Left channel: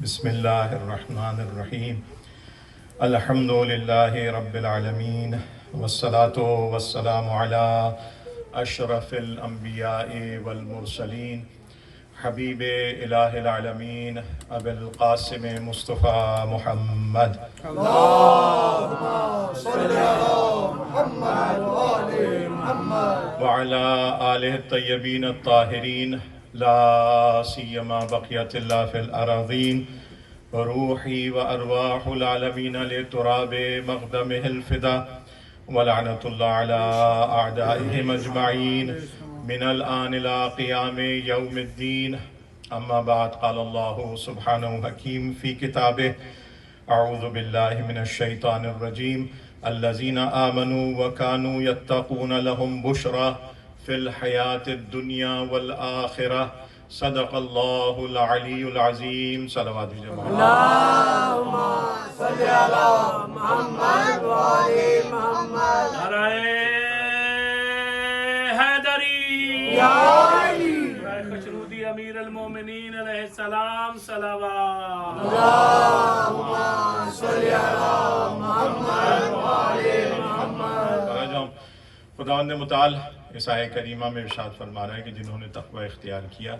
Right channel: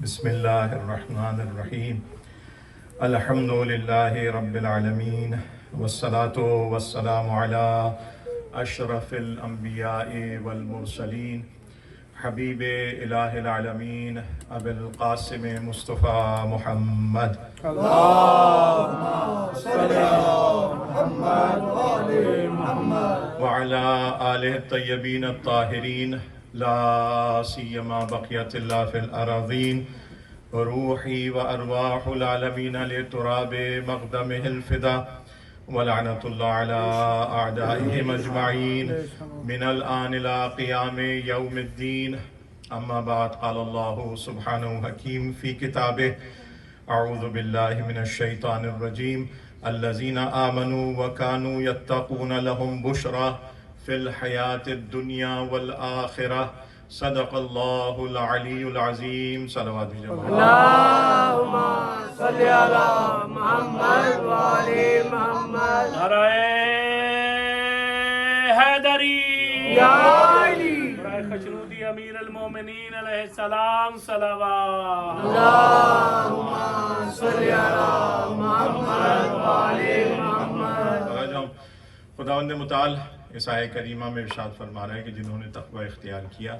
بسم اللہ الرحمن الرحیم الحمد للہ رب العالمین والصلاة والسلام علی اشرف الانبیاء والمرسلین حبیب الہ العالمین ابی القاسم مصطفیٰ محمد اللهم صل على محمد وآل محمد وعلى آلہ الطیبین الطاہرین لا سیما بقیت اللہ فی الأراضین روحی وارواح العالمین لتراب مقدمہ الفدا ولعنۃ اللہ علی اعدائہم اجمعین من الآن الى قیام یوم الدین اما بعد قال اللہ سبحانہ حکیم فی کتابہ اعوذ باللہ من الشیطان الرجیم الذین آمنوا وکانوا یتقون لهم بشرا فی الحیاة الدنیا والآخرہ صدق اللہ العلی العظیم صلوات جماعت اللهم صل على محمد وآل محمد نعرہ حیدری یا علی خشنودی امیر المومنین علیہ السلام صلوات اللهم صل على محمد وآل محمد خداوند متعال اس آیہ کریمہ میں ارشاد فرما رہا ہے کہ جنہوں نے تقوی اختیار کیا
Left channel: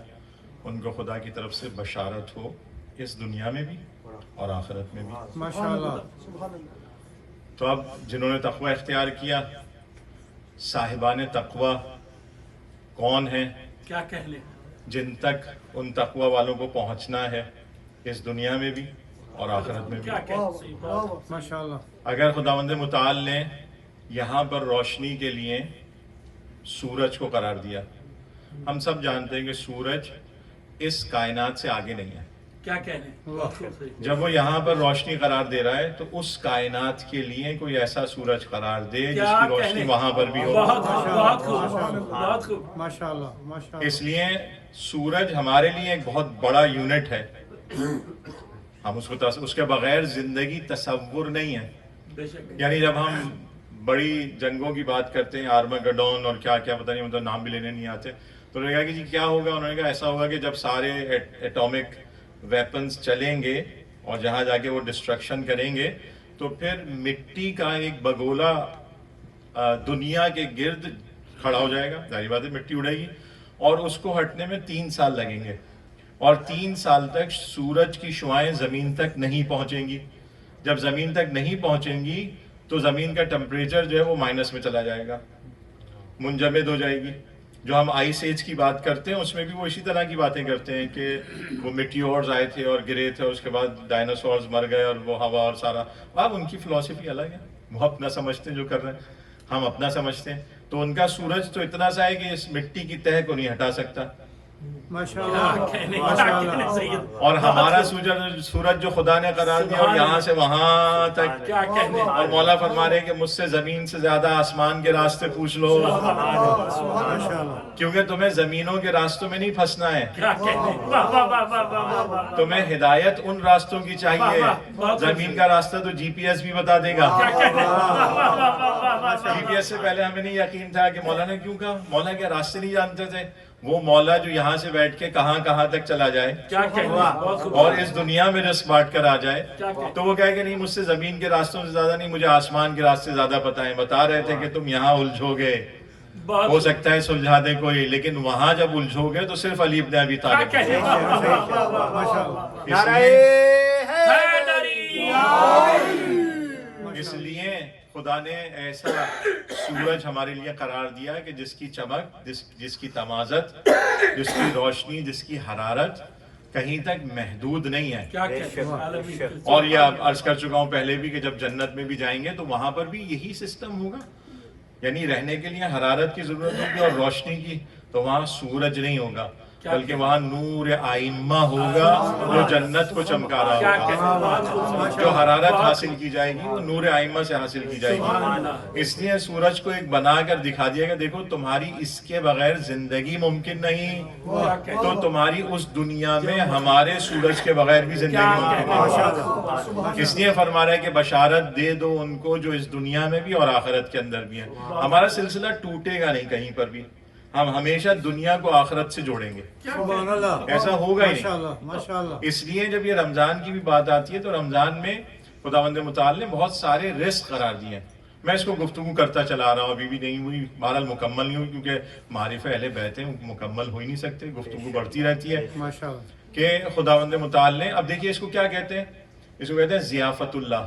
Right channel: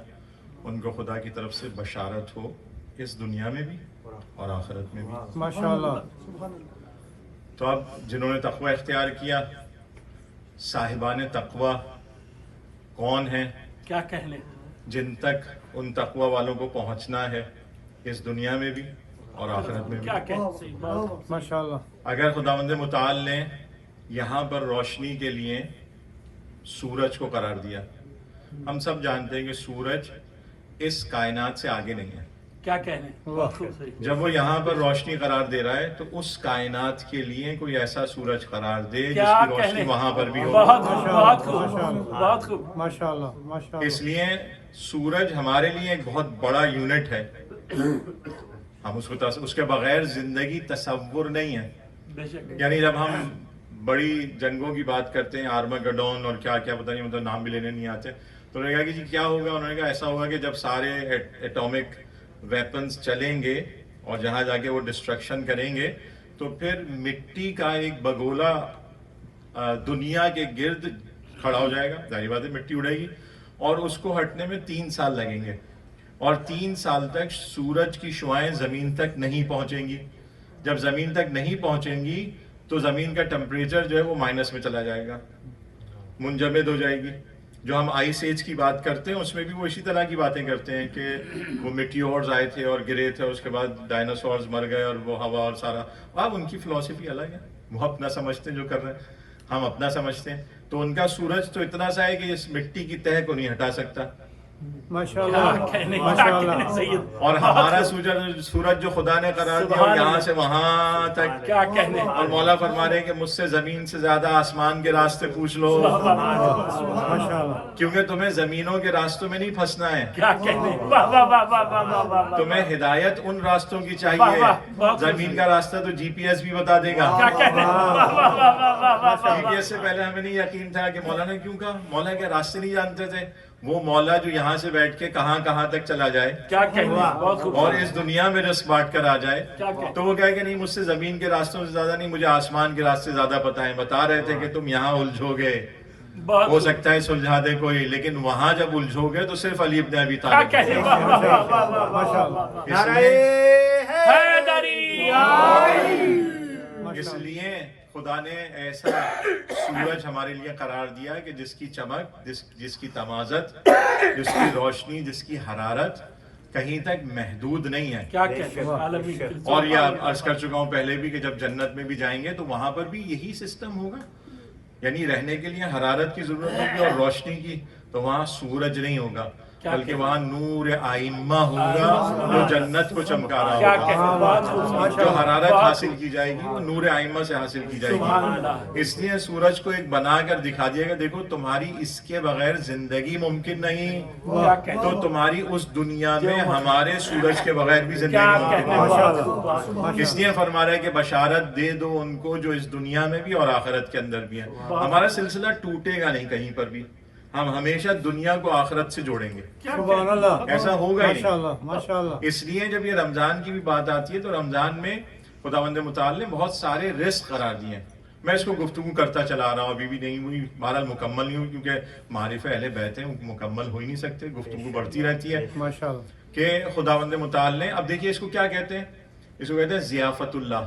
ان کو خدا کی طرف سے بشارت ہو اس دنیا میں بھی اور آخرت میں بھی۔ ماشاءاللہ۔ تو اب جنہوں نے تقوی اختیار کیا، صاحبان تقوی کون ہیں؟ کیا کہنے جن تک ان تقوی والوں کو پہنچنا ہے اس دنیا میں بھی اور آخرت میں بھی۔ کیا کہنے ماشاءاللہ۔ اگر خداوند متعال نے یہاں پر روشنی کے لیے سورج کو قرار دیا، ہم سب جانتے ہیں کہ سورج اس کائنات سے آگے نہیں ہے۔ کیا کہنے بہت خوب۔ جب وہ یہاں پر روشنی قرار دے رہا ہے تو اس کائنات کے لیے کوئی ایسا سورج قرار دے جس کی روشنی وہاں پر بھی ہو۔ بہت خوب بہت خوب بہت خوب۔ ماشاءاللہ ماشاءاللہ۔ اس لیے سورج ہمارے لیے ایک بہت بڑا یونٹ ہے، ہم اس کے بغیر زندگی تصور نہیں ہے۔ بے شک یعنی جب ہم بڑی جنگوں کی بات کرتے ہیں، آرماگڈون اور کیا کیا پتہ نہیں، مطلب نام بھی لینے نہیں آتے، تو انہوں نے کہا کہ جی کیا ہوگا؟ انہوں نے کہا ایسا ہوگا کہ جب سارے ایٹامک ویپنز چلیں گے اور جہاں جا کے وہ ڈسٹرکشن کریں گے تو پھر مٹی کا ایک بگولا دنیا کے گرد کھڑا ہو جائے گا، ظاہر بات ہے مٹی اڑے گی، اور اس کو ہٹنے میں 3 سال لگیں گے، اور 3 سال تک سورج کی شعاعیں زمین تک نہیں پہنچیں گی۔ جب زمین تک نہیں پہنچیں گی تو زمین کا ٹمپریچر جو ہے وہ مائنس میں چلا جائے گا، منجمد ہو جائے گی۔ جو ہم آئس ایج کی بات کرتے ہیں اس میں بھی وہ اسی طرح کی باتیں کرتے ہیں کہ وہ میٹیورز آئے تھے اور گرے تھے، اس کے بعد ڈائناسورز مر گئے اور وہ ہوا اور سارا، اب ان کی فلسفی الگ ہے، وہ اپنا سمجھتے ہیں جو کر رہے ہیں، ہم اپنا سمجھتے ہیں۔ تو ان کا سورج تو اتنا سا ہے کہ اس مٹی کی تہ کو نہیں ہٹا سکتا، ماشاءاللہ۔ اور ہمارا سورج جو خدا نے قرار دیا اور یہاں سے وہاں تک، کیا کہنے اور مولا فرما رہے ہیں کہ مجھ سے زمین سے زیادہ آسمان کے راستے پوچھ لو، کیونکہ تمہیں زمینوں کے راستوں میں نہیں پھنسنا ہے، کیا کہنے واہ واہ واہ واہ واہ واہ واہ۔ تمہیں ہدایت ان راستوں کی چاہیے۔ زمین کا راستہ تو جی پی ایس بھی بتا دے گا، کیا کہنے واہ واہ واہ واہ واہ واہ۔ جی پی ایس سے پہلے ہمیں نہیں یقین تھا کہ مولا نے کیوں کہا، مولا کے راستے نہیں جانتے تھے، وہ مولا جو یہاں سے بیٹھ کے کہاں کہاں تک چلا جائے کیا کہنے بہت خوب۔ اور اس دنیا میں رس بانٹ کر آ جائے، تو وہ کہے کہ نہیں مجھ سے زمین کے راستوں سے زیادہ نہیں، مجھے آسمان کے راستے زیادہ پتہ ہیں۔ بتا رہے تھے کہ تم یہاں الجھو گے، بہت ہو سکتا ہے سلجھا دے کوئی، لیکن وہاں جب الجھو گے تو صرف علی ابن ابی کیا طالب، کہنے واہ واہ واہ واہ واہ۔ اس لیے حیدری اس لیے خدا نے ایسا سورج ہمارے لیے قرار دیا کہ جس کی چمک، جس کی تمازت، جس کی روشنی، جس کی حرارت کہیں تک محدود نہیں ہے۔ کیا کہنے اور یہ عرض کر چکا ہوں پہلے بھی کہ جب جنت میں بھی جائیں گے تو وہاں پر بھی یہی سسٹم ہوگا، یعنی رہنے کے لیے حرارت کی ضرورت ہوگی اور روشنی کی، تو وہاں سورج نہیں ہوگا بلکہ وہاں نور آئمہ ہوگا جو جنت کو چمکا رہا کیا ہوگا۔ کہنے بہت خوب۔ جو حرارت حاصل کی جائے گی وہ نور آئمہ سے حاصل کی جائے گی۔ اس لیے سورج کو ایک بنا کر دکھا دیا گا، دیکھو تمہاری اس کے بغیر زندگی ممکن نہیں، تو تمہاری اس دنیا میں ہمارے سورج کے بغیر بھی زندگی ممکن نہیں۔ اس لیے فرما رہا ہے کہ بشارت دے دو ان کو جو اس دنیا میں بھی اور آخرت کے اندر بھی ہے۔ ہمارا سلسلہ ٹوٹے گا نہیں کہیں پر بھی، ہم ہمیشہ دنیا کو آخرت سے جوڑیں گے. سبحان اللہ. ایسا ہوگا ہی نہیں. ماشاءاللہ ماشاءاللہ. اس لیے جب یہ رمضان کی بھی بات آتی ہے تو رمضان میں خداوند متعال نے بہت سارے رزق قرار دیے ہیں. میں اس کو گفتگو کرتا چلا رہا ہوں, ابھی بھی نہیں ہوئی, بہرحال مکمل نہیں ہوئی, کیونکہ معرفہ اہل بیت ہیں, مکمل ہو ہی نہیں سکتے, گفتگو بڑھتی رہتی ہے. ماشاءاللہ. کہ خداوند متعال نے, اب دیکھیے اس کو کیا کہتے ہیں, اس کو کہتے ہیں ضیافت اللہ.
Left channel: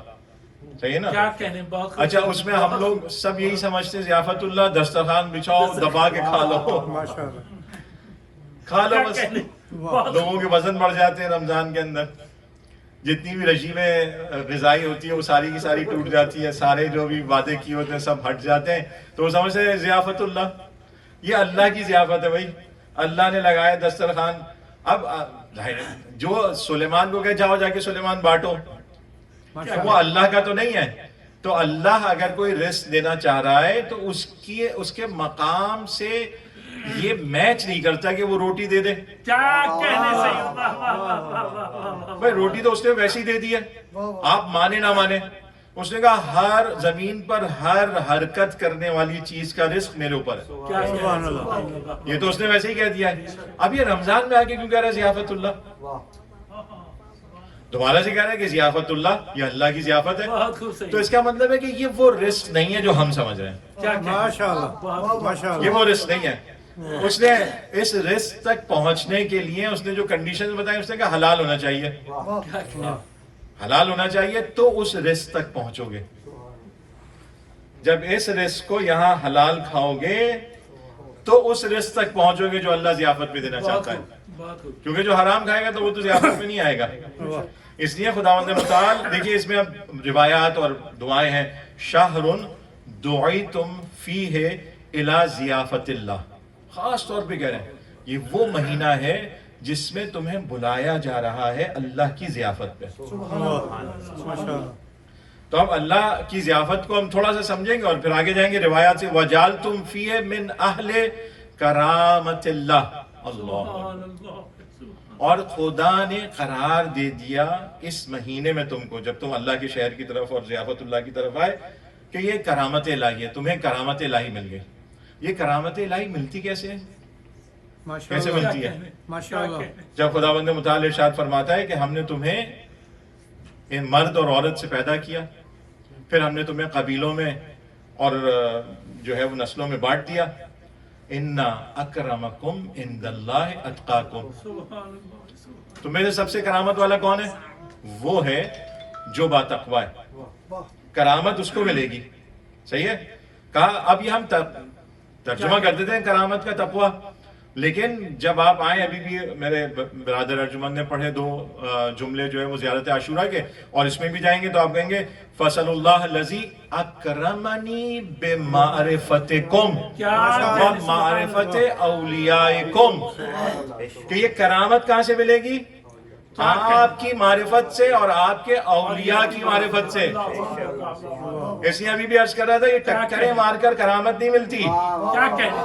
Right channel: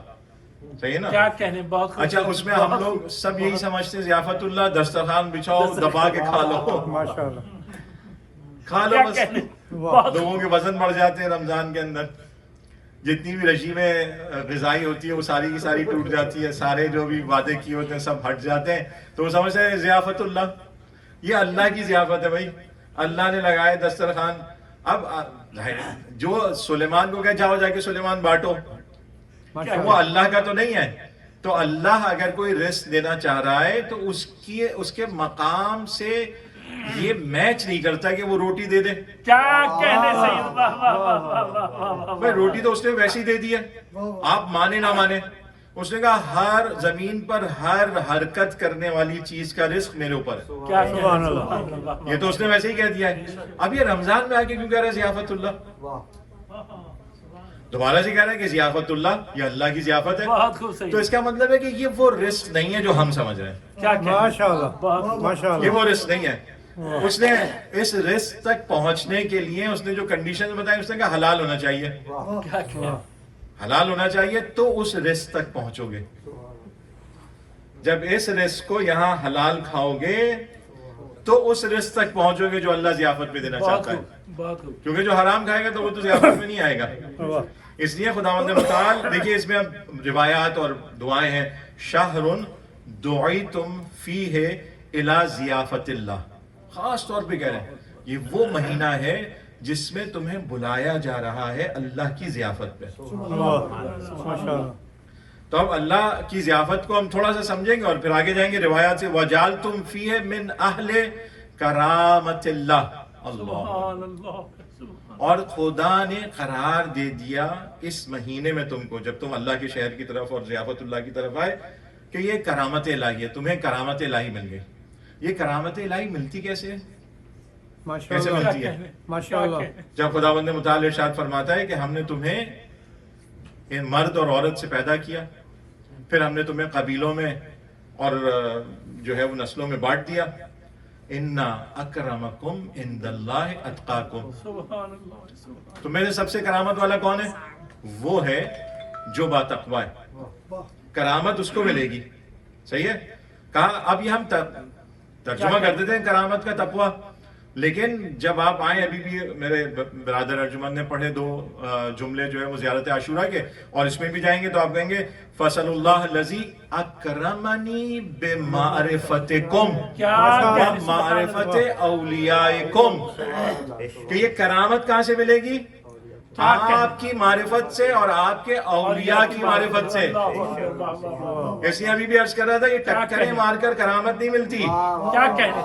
صحیح ہے نا؟ کیا کہنے, بہت اچھا, اس میں ہم لوگ سب یہی سمجھتے ہیں ضیافت اللہ دسترخوان بچھاؤ, دبا کے کھا لو, ماشاءاللہ. کھا لو بس. لوگوں کے وزن بڑھ جاتے ہیں رمضان کے اندر, جتنی بھی رجیمیں غذائی ہوتی ہے وہ ساری کی ساری ٹوٹ جاتی ہے, سارے جو بھی وعدے کیے ہوتے ہیں سب ہٹ جاتے ہیں, تو وہ سمجھتے ہیں ضیافت اللہ, یہ اللہ کی ضیافت ہے بھائی, اللہ نے لگایا دسترخوان. اب جو سلیمان کو کہ جاؤ جا کے سلیمان بانٹو, تو وہ اللہ کا تو نہیں ہے. تو اللہ اگر کوئی رزق دینا چاہ رہا ہے تو اس کے مقام سے یہ میچ نہیں کرتا کہ وہ روٹی دے دے. کیا کہنے سے, واہ واہ واہ واہ واہ واہ. بھائی روٹی تو اس نے ویسے ہی دے دی ہے, آپ مانے نہ مانے. اس نے کہا ہر زمین پر ہر حرکت کرنے والی چیز کا رزق میرے اوپر ہے. کیا کہنے, یہ تو اس نے ویسے ہی کہہ دیا ہے. اب یہ رمضان میں آ کے کیوں کہہ رہا ہے ضیافت اللہ؟ دوبارہ سے کہہ رہا ہے کہ ضیافت اللہ یہ اللہ کی ضیافت ہے. بہت خوب صحیح. تو اس کا مطلب ہے کہ یہ وہ رزق نہیں ہے جو ہم سمجھ رہے ہیں. کیا کہنے, ماشاءاللہ ماشاءاللہ. یہ وہ رزق نہیں ہے. اس نے اس رزق تک پہنچنے کے لیے اس نے جو کنڈیشن بتائی, اس نے کہا حلال ہونا چاہیے, کیا کہنے, حلال ہونا چاہیے تو اس رزق تک پہنچو گے. جب اس رزق کو یہاں حلال کھاؤ گے تو اس رزق تک پہنچو گے جو اللہ ضیافت میں دینا چاہتا ہے. بہت خوب. کیونکہ جو حرام کھائے گا تو وہ تو ضیافت میں نہیں آئے گا. اس لیے خداوند متعال, دیکھیے اس میں اب روایات اور دعائیں ہیں. شہر دعیتم فیہ الی ضیافت اللہ, خاص طور پہ کہہ رہے ہیں یہ وہ مہینہ ہے جس میں تمہیں بلایا جا رہا ہے اللہ کی ضیافت پہ. ماشاءاللہ. تو اب اللہ کی ضیافت کو ہم تھوڑا سا سمجھیں گے اور پھر آگے جائیں گے روایات سے. وَجَعَلْتُمْ فِيهِ مِنْ أَهْلِ كَرَامَةِ اللَّهِ, اللہ, اور خدا نے قرار دے دیا اس مہینے میں تم کو, جب تم اللہ کے شہر کی طرف اور ضیافت اللہ کی طرف آئے, کہ یہ کرامت الہی ہے, تمہیں کرامت الہی مل گئی. یہ کرامت الہی ملتی کیسے ہے؟ کیسے ملتی ہے؟ ماشاءاللہ. جب خداوند متعال ارشاد فرماتا ہے کہ ہم نے تمہیں ان مرد اور عورت سے پیدا کیا, پھر ہم نے تمہیں قبیلوں میں اور جو ہے وہ نسلوں میں بانٹ دیا. اِنَّ أَكْرَمَكُمْ عِنْدَ اللَّهِ أَتْقَاكُمْ, تم میں سے سب سے کرامت والا کون ہے؟ وہ ہے جو باتقوی ہے. کرامت اس کو ملے گی. صحیح ہے. کہا اب یہ ہم ترجمہ کر دیتے ہیں کرامت کا تقوی, لیکن جب آپ آئیں, ابھی بھی میرے برادر ارجمند نے پڑھے 2 جملے جو ہے وہ زیارت عاشورہ کے, اور اس میں بھی جائیں گے تو آپ کہیں گے فَصَلُ اللَّهَ الَّذِي أَكْرَمَنِي بِمَعْرِفَتِكُمْ وَمَعْرِفَتِ أَوْلِيَائِكُمْ, کہ یہ کرامت کہاں سے ملے گی؟ آپ کی معرفت سے اور آپ کے اولیاء کی معرفت سے. اس لیے ابھی بھی عرض کر رہا تھا یہ ٹکریں مار کر کرامت نہیں ملتی. کیا کہنے,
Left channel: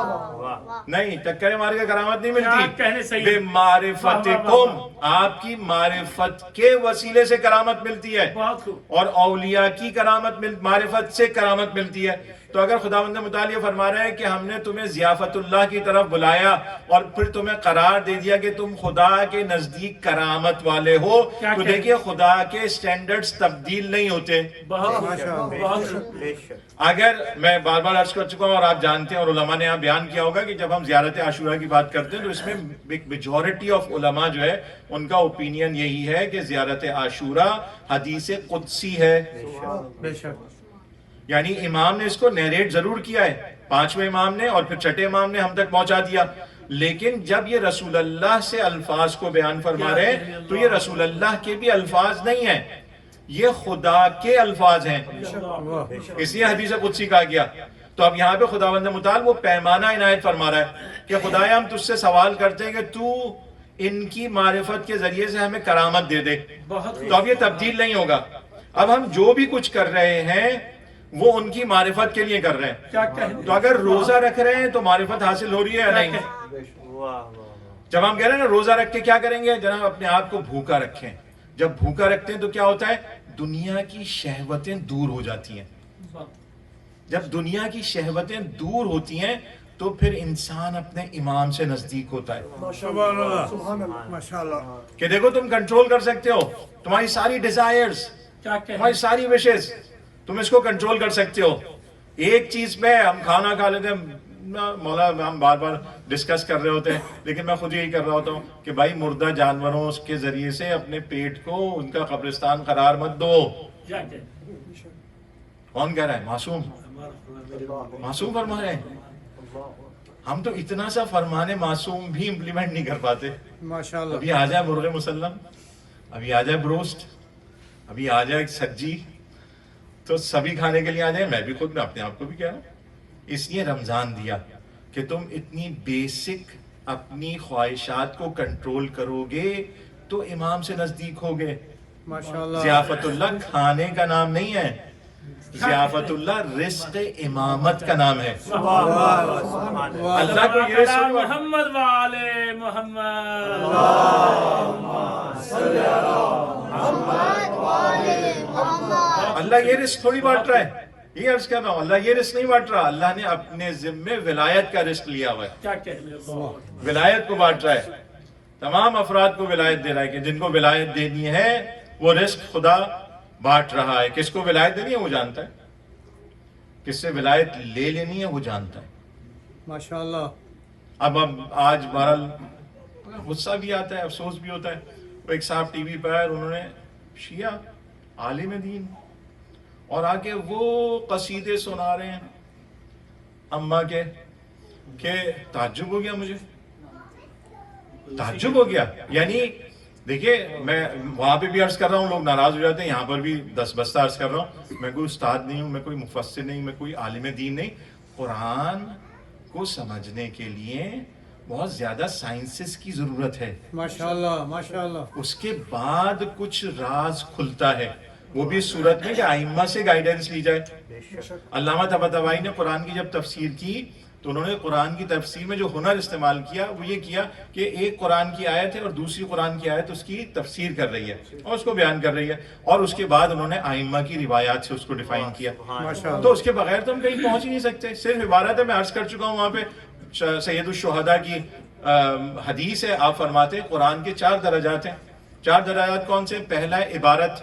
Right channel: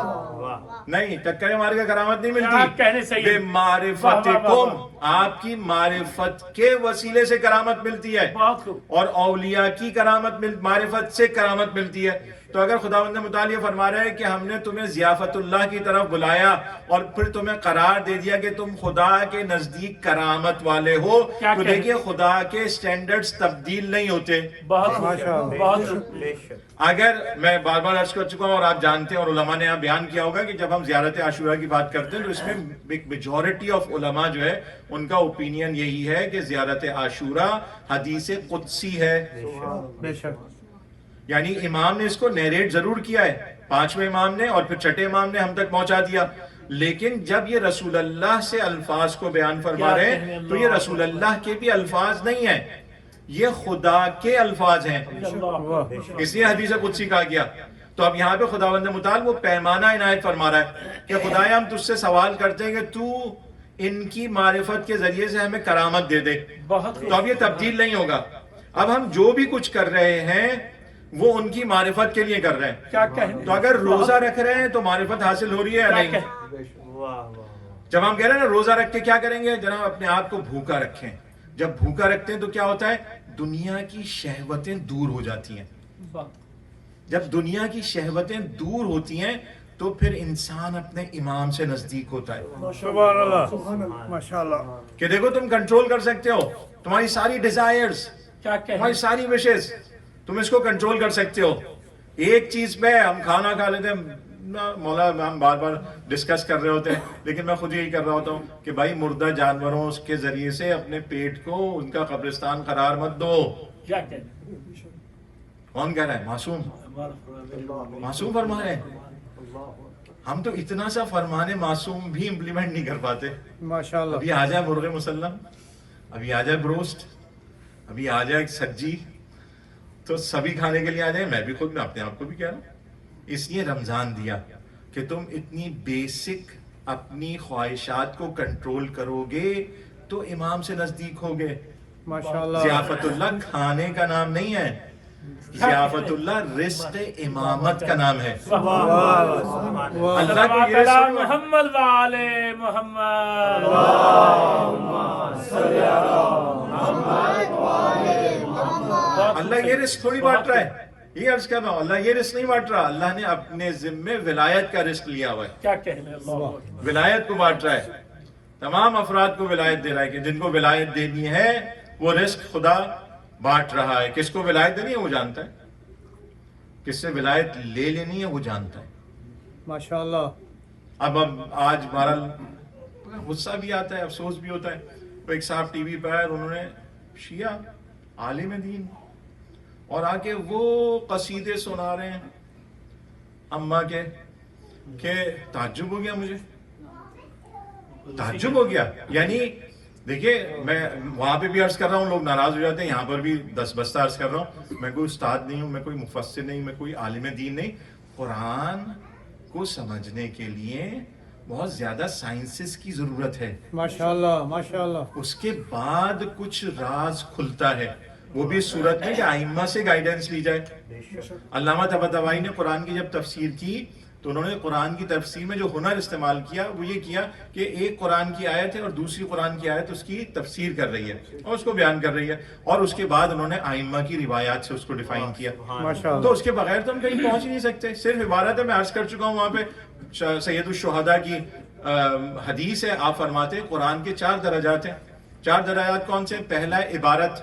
نہیں, ٹکریں مار کر کرامت نہیں کہنے ملتی. صحیح. بے معرفتکم, آپ کی معرفت کے وسیلے سے کرامت ملتی ہے, بہت خوب. اور اولیاء کی کرامت معرفت سے کرامت ملتی ہے. تو اگر خداوند متعال یہ فرما رہے ہیں کہ ہم نے تمہیں ضیافت اللہ کی طرف بلایا اور پھر تمہیں قرار دے دیا کہ تم خدا کے نزدیک کرامت والے ہو, تو دیکھیے خدا کے سٹینڈرڈز تبدیل نہیں ہوتے. بہت خوب, بہت خوب. اگر میں بار بار عرض کر چکا ہوں اور آپ جانتے ہیں اور علماء نے یہاں بیان کیا ہوگا کہ جب ہم زیارت عاشورہ کی بات کرتے ہیں تو اس میں میجورٹی آف علماء جو ہے ان کا اوپینین یہی ہے کہ زیارت عاشورہ حدیث قدسی ہے. بے شک. یعنی امام نے اس کو نیریٹ ضرور کیا ہے, 5ویں امام نے اور پھر 6ٹھے امام نے ہم تک پہنچا دیا, لیکن جب یہ رسول اللہ سے الفاظ کو بیان فرما رہے ہیں تو یہ رسول اللہ کے بھی الفاظ نہیں ہیں, یہ خدا کے الفاظ ہیں, اس لیے حدیث قدسی کہا گیا. تو اب یہاں پہ خداوند متعال وہ پیمانہ عنایت فرما رہا ہے کہ خدایا ہم تجھ سے سوال کرتے ہیں کہ تو ان کی معرفت کے ذریعے سے ہمیں کرامت دے دے. تو اب یہ تبدیل نہیں ہوگا. اب ہم جو بھی کچھ کر رہے ہیں وہ ان کی معرفت کے لیے کر رہے ہیں. تو اگر روزہ رکھ رہے ہیں تو معرفت حاصل ہو رہی ہے یا نہیں؟ جب ہم کہہ رہے ہیں نا روزہ رکھ کے کیا کریں گے, جناب اپنے آپ کو بھوکا رکھیں. جب بھوکا رکھتے ہیں تو کیا ہوتا ہے, دنیا کی شہوتیں دور ہو جاتی ہیں. جب دنیا کی شہوتیں دور ہوتی ہیں تو پھر انسان اپنے امام سے نزدیک ہوتا ہے. سبحان اللہ ماشاءاللہ. کہ دیکھو تم کنٹرول کر سکتے ہو تمہاری ساری ڈیزائرز، کیا کہ تمہاری ساری وشز، تم اس کو کنٹرول کر سکتے ہو. ایک چیز پہ ہم کھانا کھا لیتے ہیں مولا، ہم بار بار ڈسکس کر رہے ہوتے ہیں، لیکن میں خود یہی کر رہا ہوتا ہوں کہ بھائی مردہ جانوروں کے ذریعے سے اپنے پیٹ کو ان کا قبرستان قرار مت دو. کیا کہ کون کہہ رہا ہے؟ معصوم. معصوم فرما رہے ہیں. ہم تو اتنا سا فرمانے معصوم بھی امپلیمنٹ نہیں کر پاتے. ماشاءاللہ. ابھی آ جائے مرغ مسلم، ابھی آ جائے بروسٹ، ابھی آ جائے سجی، تو سبھی کھانے کے لیے آ جائیں. میں بھی خود میں اپنے آپ کو بھی کہہ رہا ہوں. اس لیے رمضان دیا کہ تم اتنی بیسک اپنی خواہشات کو کنٹرول کرو گے تو امام سے نزدیک ہوگے. ماشاءاللہ. ضیافت اللہ کھانے کا نام نہیں ہے، ضیافت اللہ رزق امامت کا نام ہے. اللہ کو یہ رزق نہیں بانٹا. محمد وعلى محمد. اللہ یہ رزق تھوڑی بانٹ رہا ہے. یہ عرض کر رہا ہوں اللہ یہ رزق نہیں بانٹ رہا. اللہ نے اپنے ذمے ولایت کا رزق لیا ہوا ہے، کیا کہنے اللہ. ولایت کو بانٹ رہا ہے. تمام افراد کو ولایت دے رہا ہے کہ جن کو ولایت دینی ہے وہ رزق خدا بانٹ رہا ہے. کس کو ولایت دینی ہے وہ جانتا ہے، کس سے ولایت لے لینی ہے وہ جانتا ہے. ماشاءاللہ. اب آج بہرحال غصہ بھی آتا ہے، افسوس بھی ہوتا ہے. وہ ایک صاحب ٹی وی پہ آئے اور انہوں نے شیعہ عالم دین اور آ کے وہ قصیدے سنا رہے ہیں اماں کے کہ تعجب ہو گیا، مجھے تعجب ہو گیا. یعنی دیکھیے میں وہاں پہ بھی عرض کر رہا ہوں، لوگ ناراض ہو جاتے ہیں، یہاں پر بھی دس بستہ عرض کر رہا ہوں. میں کوئی استاد نہیں ہوں، میں کوئی مفسر نہیں، میں کوئی عالم دین نہیں. قرآن کو سمجھنے کے لیے بہت زیادہ سائنسز کی ضرورت ہے. ماشاءاللہ ماشاءاللہ. اس کے بعد کچھ راز کھلتا ہے، وہ بھی اس صورت میں کہ ائمہ سے گائیڈنس لی جائے. علامہ طباطبائی نے قرآن کی جب تفسیر کی تو انہوں نے قرآن کی تفسیر میں جو ہنر استعمال کیا وہ یہ کیا کہ ایک قرآن کی آیت ہے اور دوسری قرآن کی آیت اس کی تفسیر کر رہی ہے اور اس کو بیان کر رہی ہے، اور اس کے بعد انہوں نے ائمہ کی روایات سے اس کو ڈیفائن کیا. تو اس کے بغیر تو ہم کہیں پہنچ ہی نہیں سکتے. صرف عبارت ہے، میں عرض کر چکا ہوں وہاں پہ سید الشہداء کی حدیث ہے. آپ فرماتے ہیں قرآن کے 4 درجات ہیں. 4 درجات کون سے؟ پہلا ہے عبارت،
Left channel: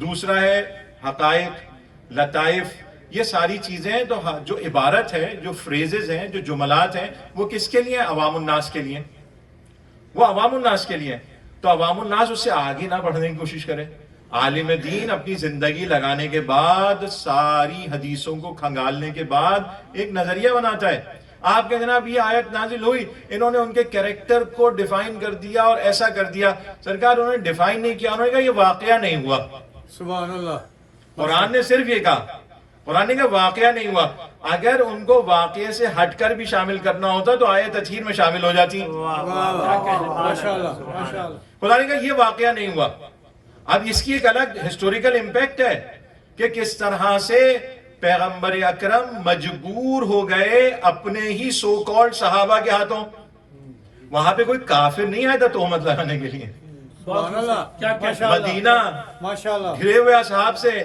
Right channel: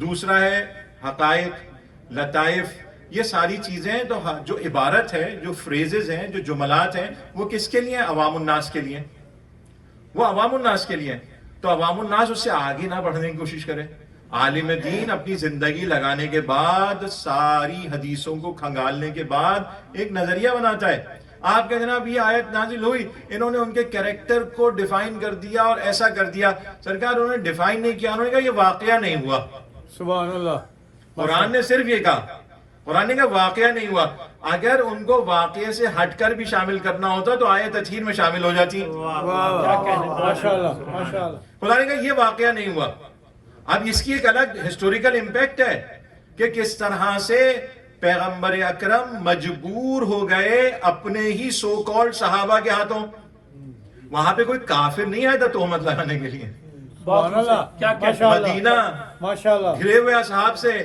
دوسرا ہے حقائق، لطائف. یہ ساری چیزیں ہیں. تو جو عبارت ہے، جو فریزز ہیں، جو جملات ہیں، وہ کس کے لیے؟ عوام الناس کے لیے. وہ عوام الناس کے لیے. تو عوام الناس اس سے آگے نہ بڑھنے کی کوشش کرے. عالم دین اپنی زندگی لگانے کے بعد، ساری حدیثوں کو کھنگالنے کے بعد ایک نظریہ بناتا ہے. آپ کے جناب یہ آیت نازل ہوئی، انہوں نے ان کے کریکٹر کو ڈیفائن کر دیا اور ایسا کر دیا. سرکار انہوں نے ڈیفائن نہیں کیا، انہوں نے کہا یہ واقعہ نہیں ہوا. سبحان اللہ. قرآن نے صرف یہ کہا، قرآن نے کہا واقعہ نہیں ہوا. اگر ان کو واقعے سے ہٹ کر بھی شامل کرنا ہوتا تو آیت تطہیر میں شامل ہو جاتی. ماشاءاللہ ماشاءاللہ. خدا نے کہا یہ واقعہ نہیں ہوا. اب اس کی ایک الگ ہسٹوریکل امپیکٹ ہے کہ کس طرح سے پیغمبر اکرم مجبور ہو گئے اپنے ہی سو کالڈ صحابہ کے ہاتھوں. وہاں پہ کوئی کافر نہیں آیا تھا تہمت لگانے کے لیے. سبحان اللہ. کیا کہ مدینہ ماشاءاللہ. گھرے ہوئے اصحاب سے،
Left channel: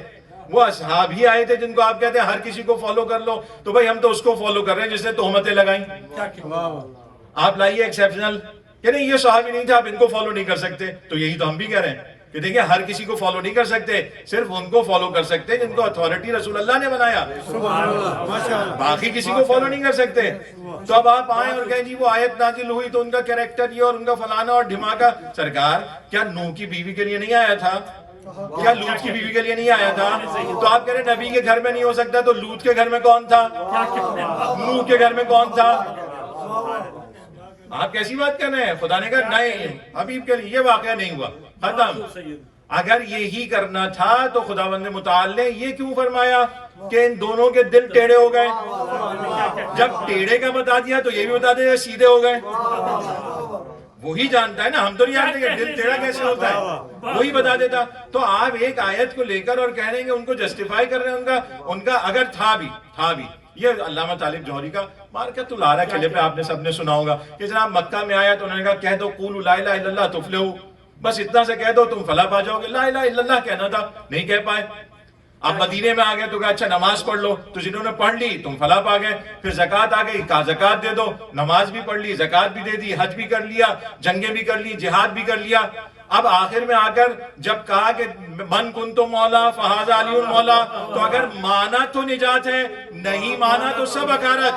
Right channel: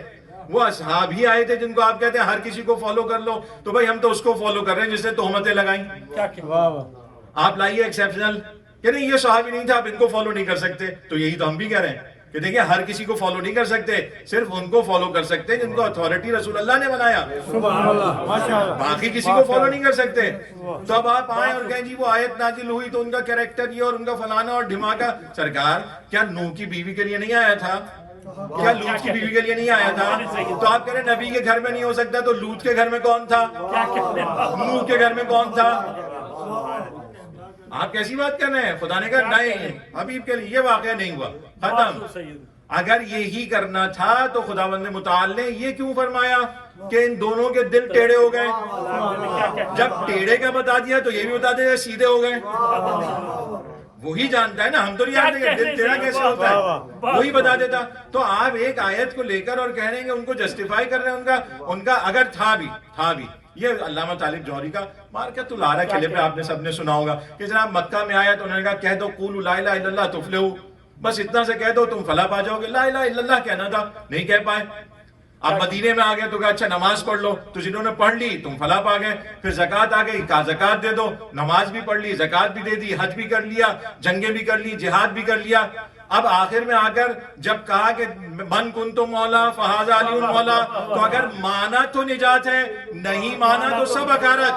وہ اصحاب ہی آئے تھے جن کو آپ کہتے ہیں ہر کسی کو فالو کر لو. تو بھائی ہم تو اس کو فالو کر رہے ہیں جس نے تہمتیں لگائیں. کیا کہ واہ واہ. آپ لائیے ایکسیپشنل کہ نہیں یہ صحابی نہیں تھا، آپ ان کو فالو نہیں کر سکتے. تو یہی تو ہم بھی کہہ رہے ہیں کہ دیکھیں ہر کسی کو فالو نہیں کر سکتے، صرف ان کو فالو کر سکتے ہیں جن کو اتھارٹی رسول اللہ نے بنایا. سبحان اللہ ماشاءاللہ. باقی کسی کو فالو نہیں کر سکتے. تو اب آپ آئیں اور کہیں جی وہ آیت نازل ہوئی تو ان کا کریکٹر یہ اور ان کا فلانا اور ڈھماکا. سرکار کیا نوح کی بیوی کے لیے نہیں آیا تھا؟ کیا لوط کی بیوی کے لیے نہیں آیا تھا؟ تو آپ کہہ رہے ہیں نبی کے گھر میں نہیں ہو سکتا، تو لوط کے گھر میں کون تھا؟ نوح کے گھر میں کون تھا؟ آپ کیسی بات کر رہے ہیں؟ خدا نے کہا نہیں، حبیب کے لیے یہ واقعہ نہیں ہوا، ختم. اگر یہی کرنا تھا تو خداوند متعال نے یہ کیوں فرمایا کہ ان دونوں کے دل ٹیڑے ہو گئے؟ جب ٹیڑے کا بتا دیا تو یہ بھی بتا دیا سیدھے ہو گئے. وہی جانتا ہے نا، ہم تو نہیں جانتے کہ دل ٹیڑھا کیسے ہوتا ہے، وہی بتا دیتا. تو آپ ایک آیت کو لے کر اور کہہ رہے ہیں کہ ان کو جسٹیفائی کر رہے ہیں ان کا اگر تھا بھی. یہ علامہ طالب جوہری کا مارکت الارا قلعے پہ آپ نے سب نے سنا ہوگا کہ جناب مکہ میں آیا تو انہوں نے کہا کہہ دو قولوا لا الہ الا اللہ تفلحوا، بس اتنا سے کہہ دو تم فلاح پا جاؤ گے. لا الہ الا اللہ کہنا تھا، نہیں کہہ پائے. اب مدینے میں آ گئے تو کہا اچھا نماز پڑھ لو، تو جنہوں نے پڑھ لی تم فلاح پا گئے. پھر زکوٰۃ آ گئی، کہا زکوٰۃ دے دو، نماز بھی پڑھ لی، زکوٰۃ بھی دے دی، حج بھی کر لیا، جنگیں بھی کر لی، جہاد بھی کر لیا. اب آخر میں آ کر جب کہا کہ من کنتو مولا فہذا علی مولا، تو اگر مانا تو نجات ہے، نہیں مانا تو سب حقارت.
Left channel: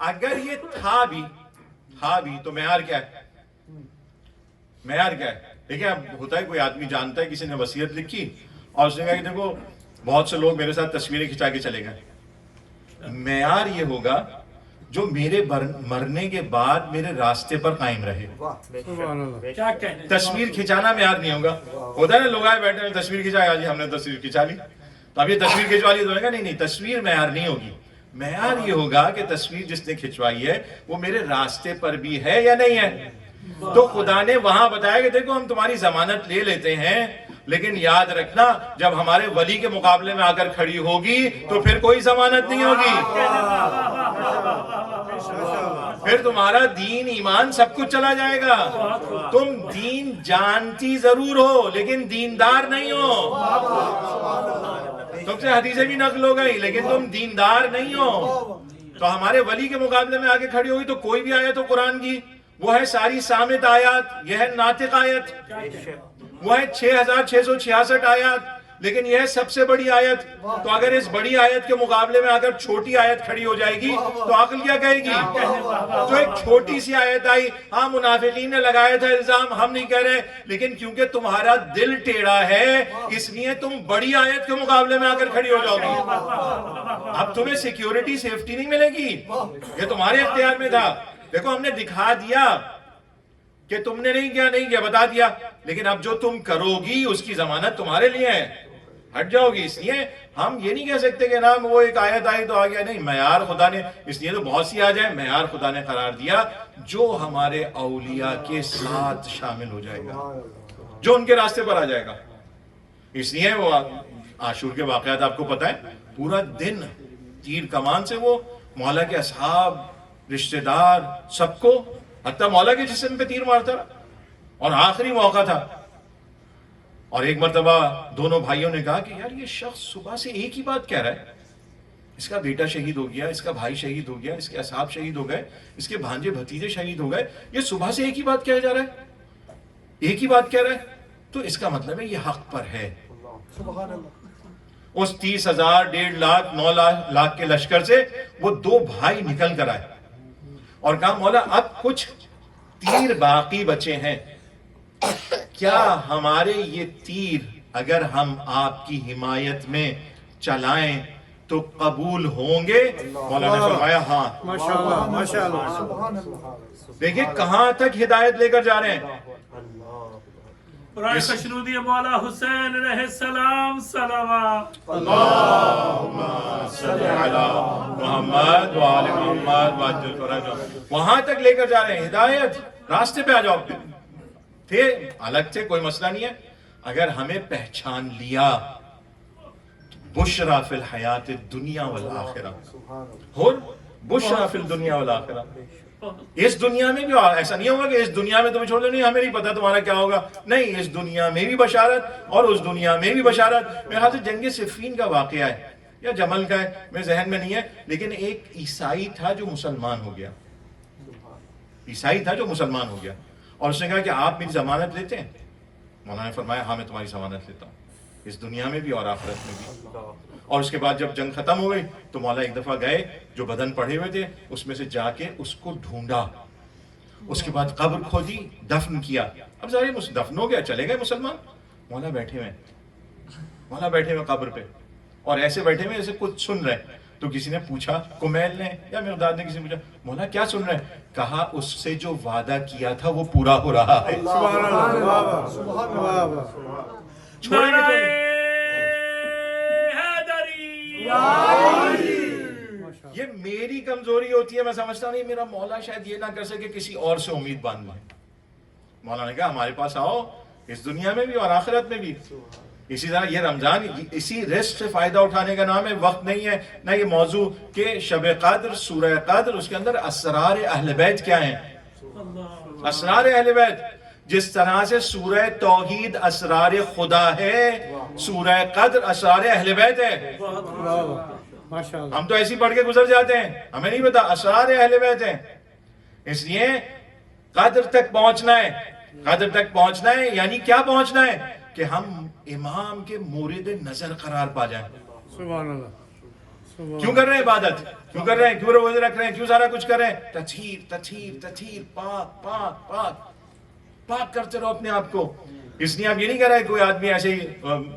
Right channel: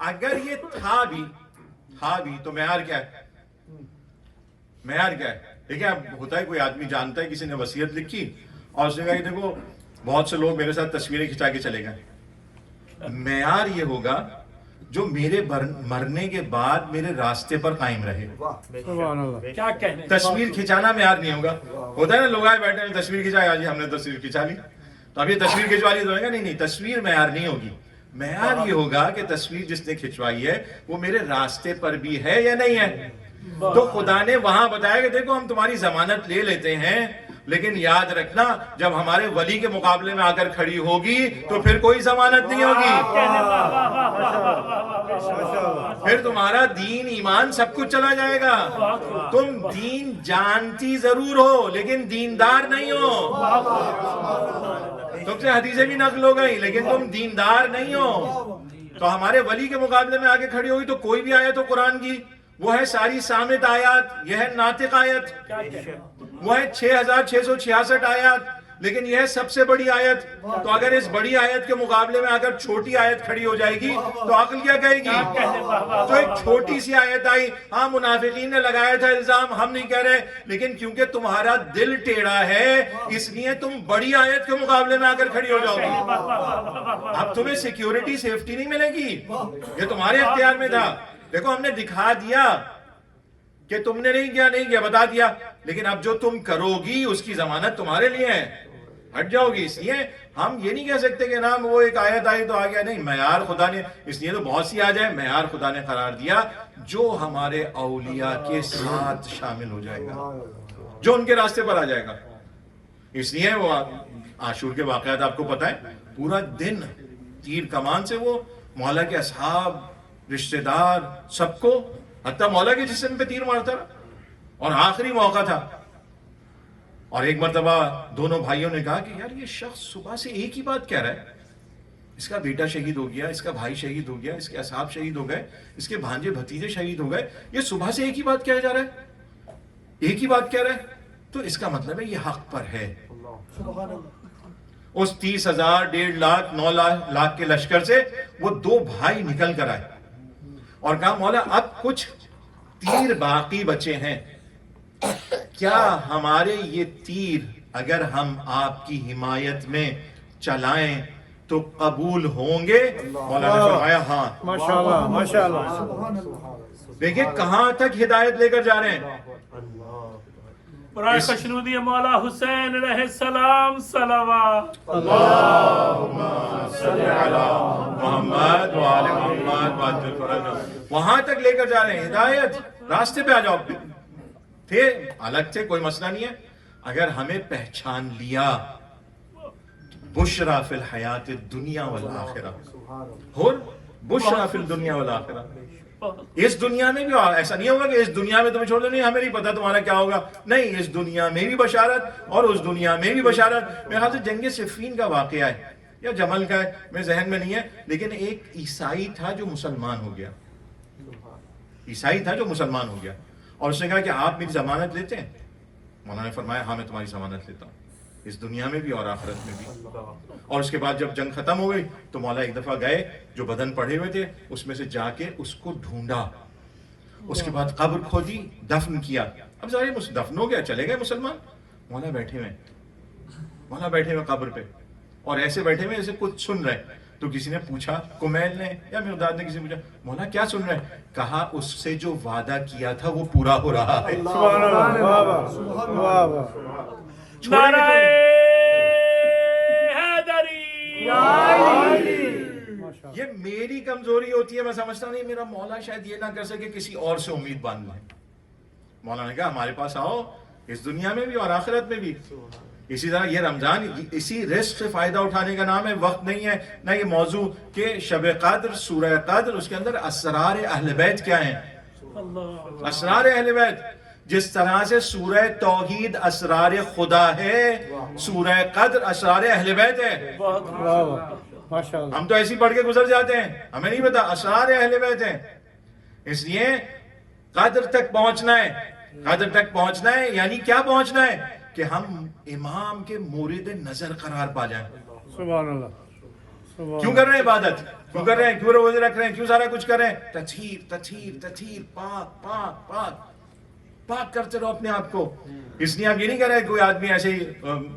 اگر یہ تھا بھی تو معیار کیا ہے؟ معیار کیا ہے؟ دیکھیں اب ہوتا ہے کوئی آدمی جانتا ہے کسی نے وصیت لکھی اور اس نے کہا کہ دیکھو بہت سے لوگ میرے ساتھ تصویریں کھنچا کے چلے گئے. معیار یہ ہوگا جو میرے مرنے کے بعد میرے راستے پر قائم رہے. تصویر کھنچانا معیار نہیں ہوگا. ہوتا ہے نا لوگ آئے بیٹھے ہیں تصویر کھنچایا جی ہم نے تصویر کھنچا لی، تو اب یہ تصویر کھنچوا لی تو کہا نہیں تصویر معیار نہیں ہوگی. معیار یہ ہوگا کہ تصویر جس نے کھنچوائی ہے وہ میرے راستے پر بھی ہے یا نہیں ہے. تو خدا نے وہاں بتایا کہ دیکھو ہم تمہاری ضمانت لے لیتے ہیں، لیکن یاد رکھنا جب ہمارے ولی کے مقابلے میں آ کر کھڑی ہوگی تو پھر کوئی ضمانت نہیں ہوگی. پھر تمہارا دین ایمان سب کچھ چلا جائے گا. تم دین جانتی ضرور ہو لیکن دیندار نہیں ہو. تم سے حدیثیں بھی نقل ہو گئی لیکن تم دیندار نہیں ہو. تو ہمارے ولی کے مقابلے میں آگے کھڑی ہوئی تو کوئی بھی آیت ہو قرآن کی، وہ ہے ساری صامت آیات، یہ ہے ناطق آیت، وہ ہے 6666 آیات، لیکن یہ ہے سب سے بڑی آیت. تو اگر اس بڑی آیت کے مقابلے میں اگر چھوٹی آیت کھڑی ہو جائے گی تو عقل کیا کہے گی؟ تو ایک چھوٹی سی آیت آئی، ہاں منافقین نے لگایا تھا الزام، ہم نہیں کہہ رہے، لیکن کیونکہ تمہارا دل ٹیڑھا ہے اس لیے تم بڑی آیت کے مقابلے میں آ کر کھڑی ہو جاؤ گی. اب تمہیں سیکیورٹی سیفٹی نہیں ملے گی، یہ تمہارے اختیار میں تھا. دیکھو ہم نے دکھا دیا کہ تم نے نہیں کیا بتا دیا، لیکن اب جو تم کرو گی اس کی ضمانت تمہارے لیے ہے، ہٹ جاؤ گی. اس لیے ہم یہ نہیں کہہ سکتے کہ نام وہ ایک آیت آئی تو آ گیا، نہیں، معیار خدا نے، اس لیے تو بہت سی آ جائے، معیار خدا نے قرار دیا جو ہمارے اولیاء کے ساتھ شامل ہو جائے گا، جو ان کے راستے پر آ جائے گا. اس لیے وہ عاشور کے واقعات آپ کو پتہ ہے، پورا دن تیر کمان سے وہ مولا کے اصحاب، رشتہ دار، سب کو، حتیٰ مولا کے جسم پہ تیر مارتا رہا، اور آخری موقع تھا. اور ایک مرتبہ دونوں بھائیوں نے کہا کہ یار یہ شخص صبح سے ایک ہی بات کہہ رہا ہے، اس کا بیٹا شہید ہو گیا، اس کا بھائی شہید ہو گیا، اس کے اصحاب شہید ہو گئے، اس کے بھانجے بھتیجے شہید ہو گئے، یہ صبح سے ایک ہی بات کہا جا رہا ہے، ایک ہی بات کہہ رہا ہے. تو اس کا مطلب ہے یہ حق پر ہے. اس 30,000 1.5 لاکھ 9 لاکھ کے لشکر سے وہ دو بھائی نکل کر آئے اور کہا مولا اب کچھ تیر باقی بچے ہیں، کیا ہمارے یہ تیر اگر ہم آپ کی حمایت میں چلائیں تو قبول ہوں گے؟ مولا نے فرمایا ہاں. دیکھیں کہاں تک ہدایت لے کر جا رہے ہیں. برائے خوشنودی مولا حسین علیہ السلام صلوات. اللہم صلی علی محمد وآل محمد وعجل فرجہ. وہاں تک لے کر جا رہے ہیں، ہدایت، راستے پہ آ جاؤ. تھے الگ تھے، کوئی مسئلہ نہیں ہے، اگر ہمیں پہچان لیا بشرا فی الحیات الدنیا والآخرہ، اور بشرا فی الدنیا والآخرہ. اس دنیا میں بھی ایسا نہیں ہوگا کہ اس دنیا میں تمہیں چھوڑ دو، نہیں ہمیں نہیں پتا تمہارا کیا ہوگا، نہیں، اس دنیا میں بھی بشارت اور اس دنیا میں بھی بشارت. میرے خیال سے جنگ صفین کا واقعہ ہے یا جمل کا ہے، میرے ذہن میں نہیں ہے، لیکن ایک عیسائی تھا جو مسلمان ہو گیا، عیسائی تھا جو مسلمان ہو گیا، اور اس نے کہا کہ آپ میری ضمانت لیتے ہیں؟ مولانا نے فرمایا ہاں میں تمہاری ضمانت لیتا ہوں، اس دنیا میں بھی اور آخرت میں بھی. اور اس کے بعد جب جنگ ختم ہو گئی تو مولا ایک دفعہ گئے، جو بدن پڑے ہوئے تھے اس میں سے جا کے اس کو ڈھونڈا، اس کے بعد قبر کھودی، دفن کیا. اب ظاہر دفن ہو گیا، چلے گئے مسلمان. مولا بیٹھے ہوئے قبر پہ، اور ایسے بیٹھے ہوئے ایسے کچھ سن رہے. تو کسی نے پوچھا، کمیل نے یا مقداد نے، کسی نے پوچھا مولا کیا سن رہے ہیں؟ کہا اس سے جو وعدہ کیا تھا وہ پورا ہو رہا ہے. یہ میری کمزوری ہوتی ہے، میں سمجھتا ہوں میرا مولا شاید یہ نہ کر سکے کسی اور سے امید باندھ لیں. مولا نے کہا ہمارے پاس آؤ، اس دنیا میں بھی اور آخرت میں بھی. اسی طرح یہ رمضان اسی رزق سے فائدہ اٹھانے کا نام ہے، وقت نہیں ہے نہ یہ موضوع کہ شب قدر، سورہ قدر، اس کے اندر اسرار اہل بیت کیا ہیں، اسرار اہل بیت. جس طرح سے سورہ توحید اسرار خدا ہے، سورہ قدر اسرار اہل بیت ہے. ہم تو ایسی پڑھ کے گزر جاتے ہیں، ہمیں نہیں پتا اسرار اہل بیت ہیں. اس لیے قدر تک پہنچنا ہے. قدر تک پہنچنا ہے یعنی کیا پہنچنا ہے کہ ہم امام کے مورد نظر قرار پا جائیں. سبحان اللہ. کیوں کر رہے ہیں عبادت، کیوں کر رہے ہیں، کیوں روزے رکھ رہے ہیں، کیوں سارا کچھ کر رہے ہیں؟ تطہیر تطہیر تطہیر، پاک پاک پاک پاک کرتے رہو اپنے آپ کو. اس لیے آپ یہ نہیں کر رہے کوئی آدمی ایسے ہی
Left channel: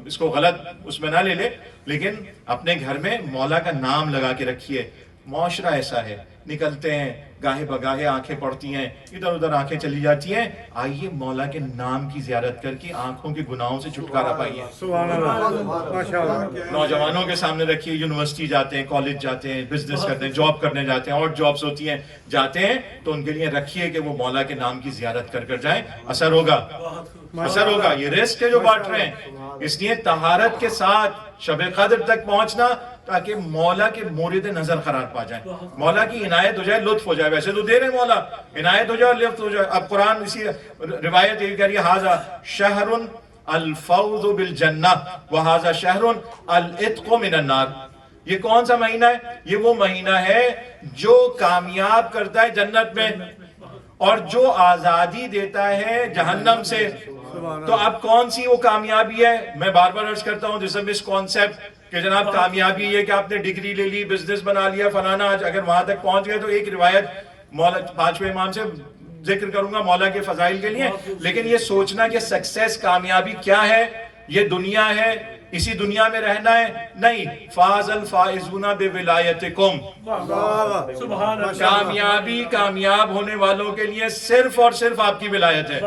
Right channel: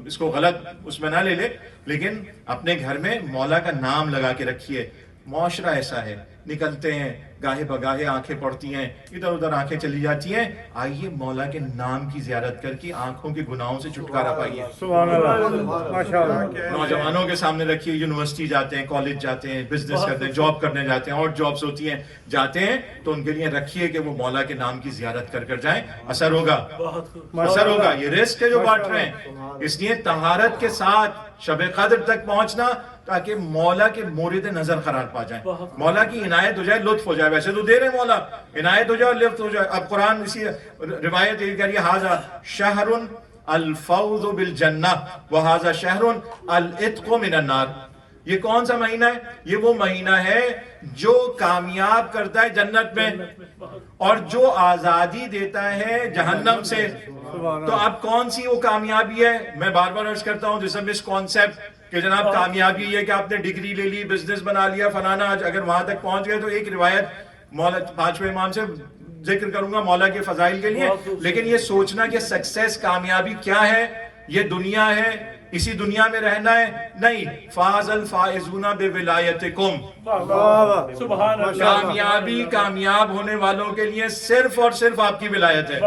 اس کو غلط اس میں نہ لے لے، لیکن اپنے گھر میں مولا کا نام لگا کے رکھیے. معاشرہ ایسا ہے، نکلتے ہیں گاہے بگاہے آنکھیں پڑتی ہیں، ادھر ادھر آنکھیں چلی جاتی ہیں. آئیے مولا کے نام کی زیارت کر کے آنکھوں کے گناہوں سے چھٹکارا پائیے. سبحان اللہ. ماشاءاللہ. نوجوانوں کے سامنے رکھیے، یونیورسٹی جاتے ہیں، کالج جاتے ہیں، بزنس کرتے ہیں، جاب کرنے جاتے ہیں، اور جابز ہوتی ہیں، جاتے ہیں تو ان کے لیے رکھیے کہ وہ مولا کے نام کی زیارت کر کر جائیں. اثر ہوگا، اثر ہوگا. یہ رزق ہے جو بانٹ رہے ہیں. اس لیے طہارت کے ساتھ شب قدر تک پہنچنا تاکہ مولا کے مورد نظر قرار پا جائیں، مولا کی عنایت ہو جائے، لطف ہو جائے. ویسے تو دے رہے مولا، عنایت ہو جائے اور لطف ہو جائے. اب قرآن اسی روایت یہ کہہ رہی ہے ھذا شہر الفوز بالجنہ وھذا شہر العتق من النار. یہ کون سا مہینہ ہے؟ یہ وہ مہینہ ہے جو کامیاب کرتا ہے جنت میں اور جو آزادی دیتا ہے جہنم سے. تو اب کون سی وہ کامیابی ہے؟ میں بار بار عرض کرتا ہوں دس مس کانسیپٹ کہ جناب کامیابی یہ کہ آپ نے ڈگری لے لی، بزنس بنا لیا، فلانا. اگر وہاں تک پہنچ گئے تو ایک روایت مولا پانچویں امام سے ذکر کروں گا مولا کے فضائل کے لیے، لیکن یہ سوچنا کہ سکسیس کامیابی کیا ہے، یہ دنیا ہے، اسی دنیا میں رہنا ہے، نہیں. فاز الفائزون بولایتکم. کامیابی کامیاب ہونے والوں کے لیے صرف اور صرف آپ کی ولایت ہے.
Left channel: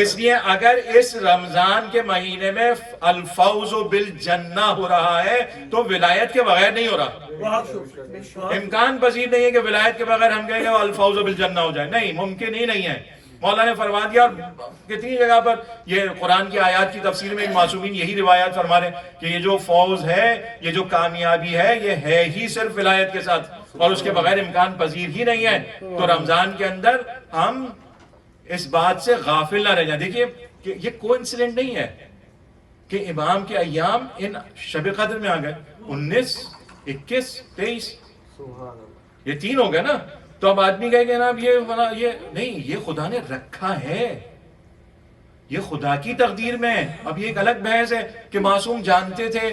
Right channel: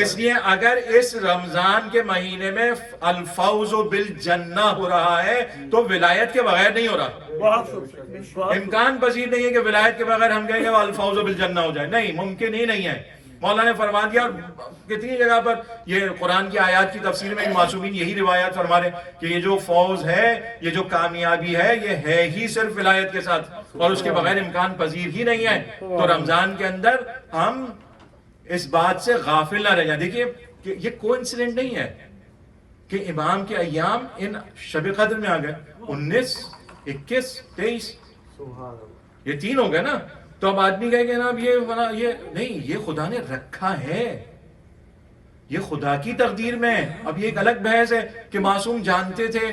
اس لیے اگر اس رمضان کے مہینے میں الفوز بالجنہ ہو رہا ہے تو ولایت کے بغیر نہیں ہو رہا. امکان پذیر نہیں ہے کہ ولایت کے بغیر ہم کہیں گے الفوز بالجنہ ہو جائے، نہیں، ممکن ہی نہیں ہے. مولا نے فرما دیا، اور کتنی جگہ پر یہ قرآن کی آیات کی تفسیر میں معصومین یہی روایات فرما رہے ہیں کہ یہ جو فوز ہے، یہ جو کامیابی ہے، یہ ہے ہی صرف ولایت کے ساتھ اور اس کے بغیر امکان پذیر ہی نہیں ہے. تو رمضان کے اندر ہم اس بات سے غافل نہ رہ جائیں. دیکھیے کہ یہ کوئنسیڈنٹ نہیں ہے کہ امام کے ایام ان شب قدر میں آ گئے. 19 21 23 یہ 3 ہو گئے نا. تو اب آدمی کہے کہ نا اب یہ نہیں، یہ خدا نے رکھا ہے، یہ خدا کی تقدیر میں. اب یہ ایک الگ بحث ہے کہ معصوم جانتے تھے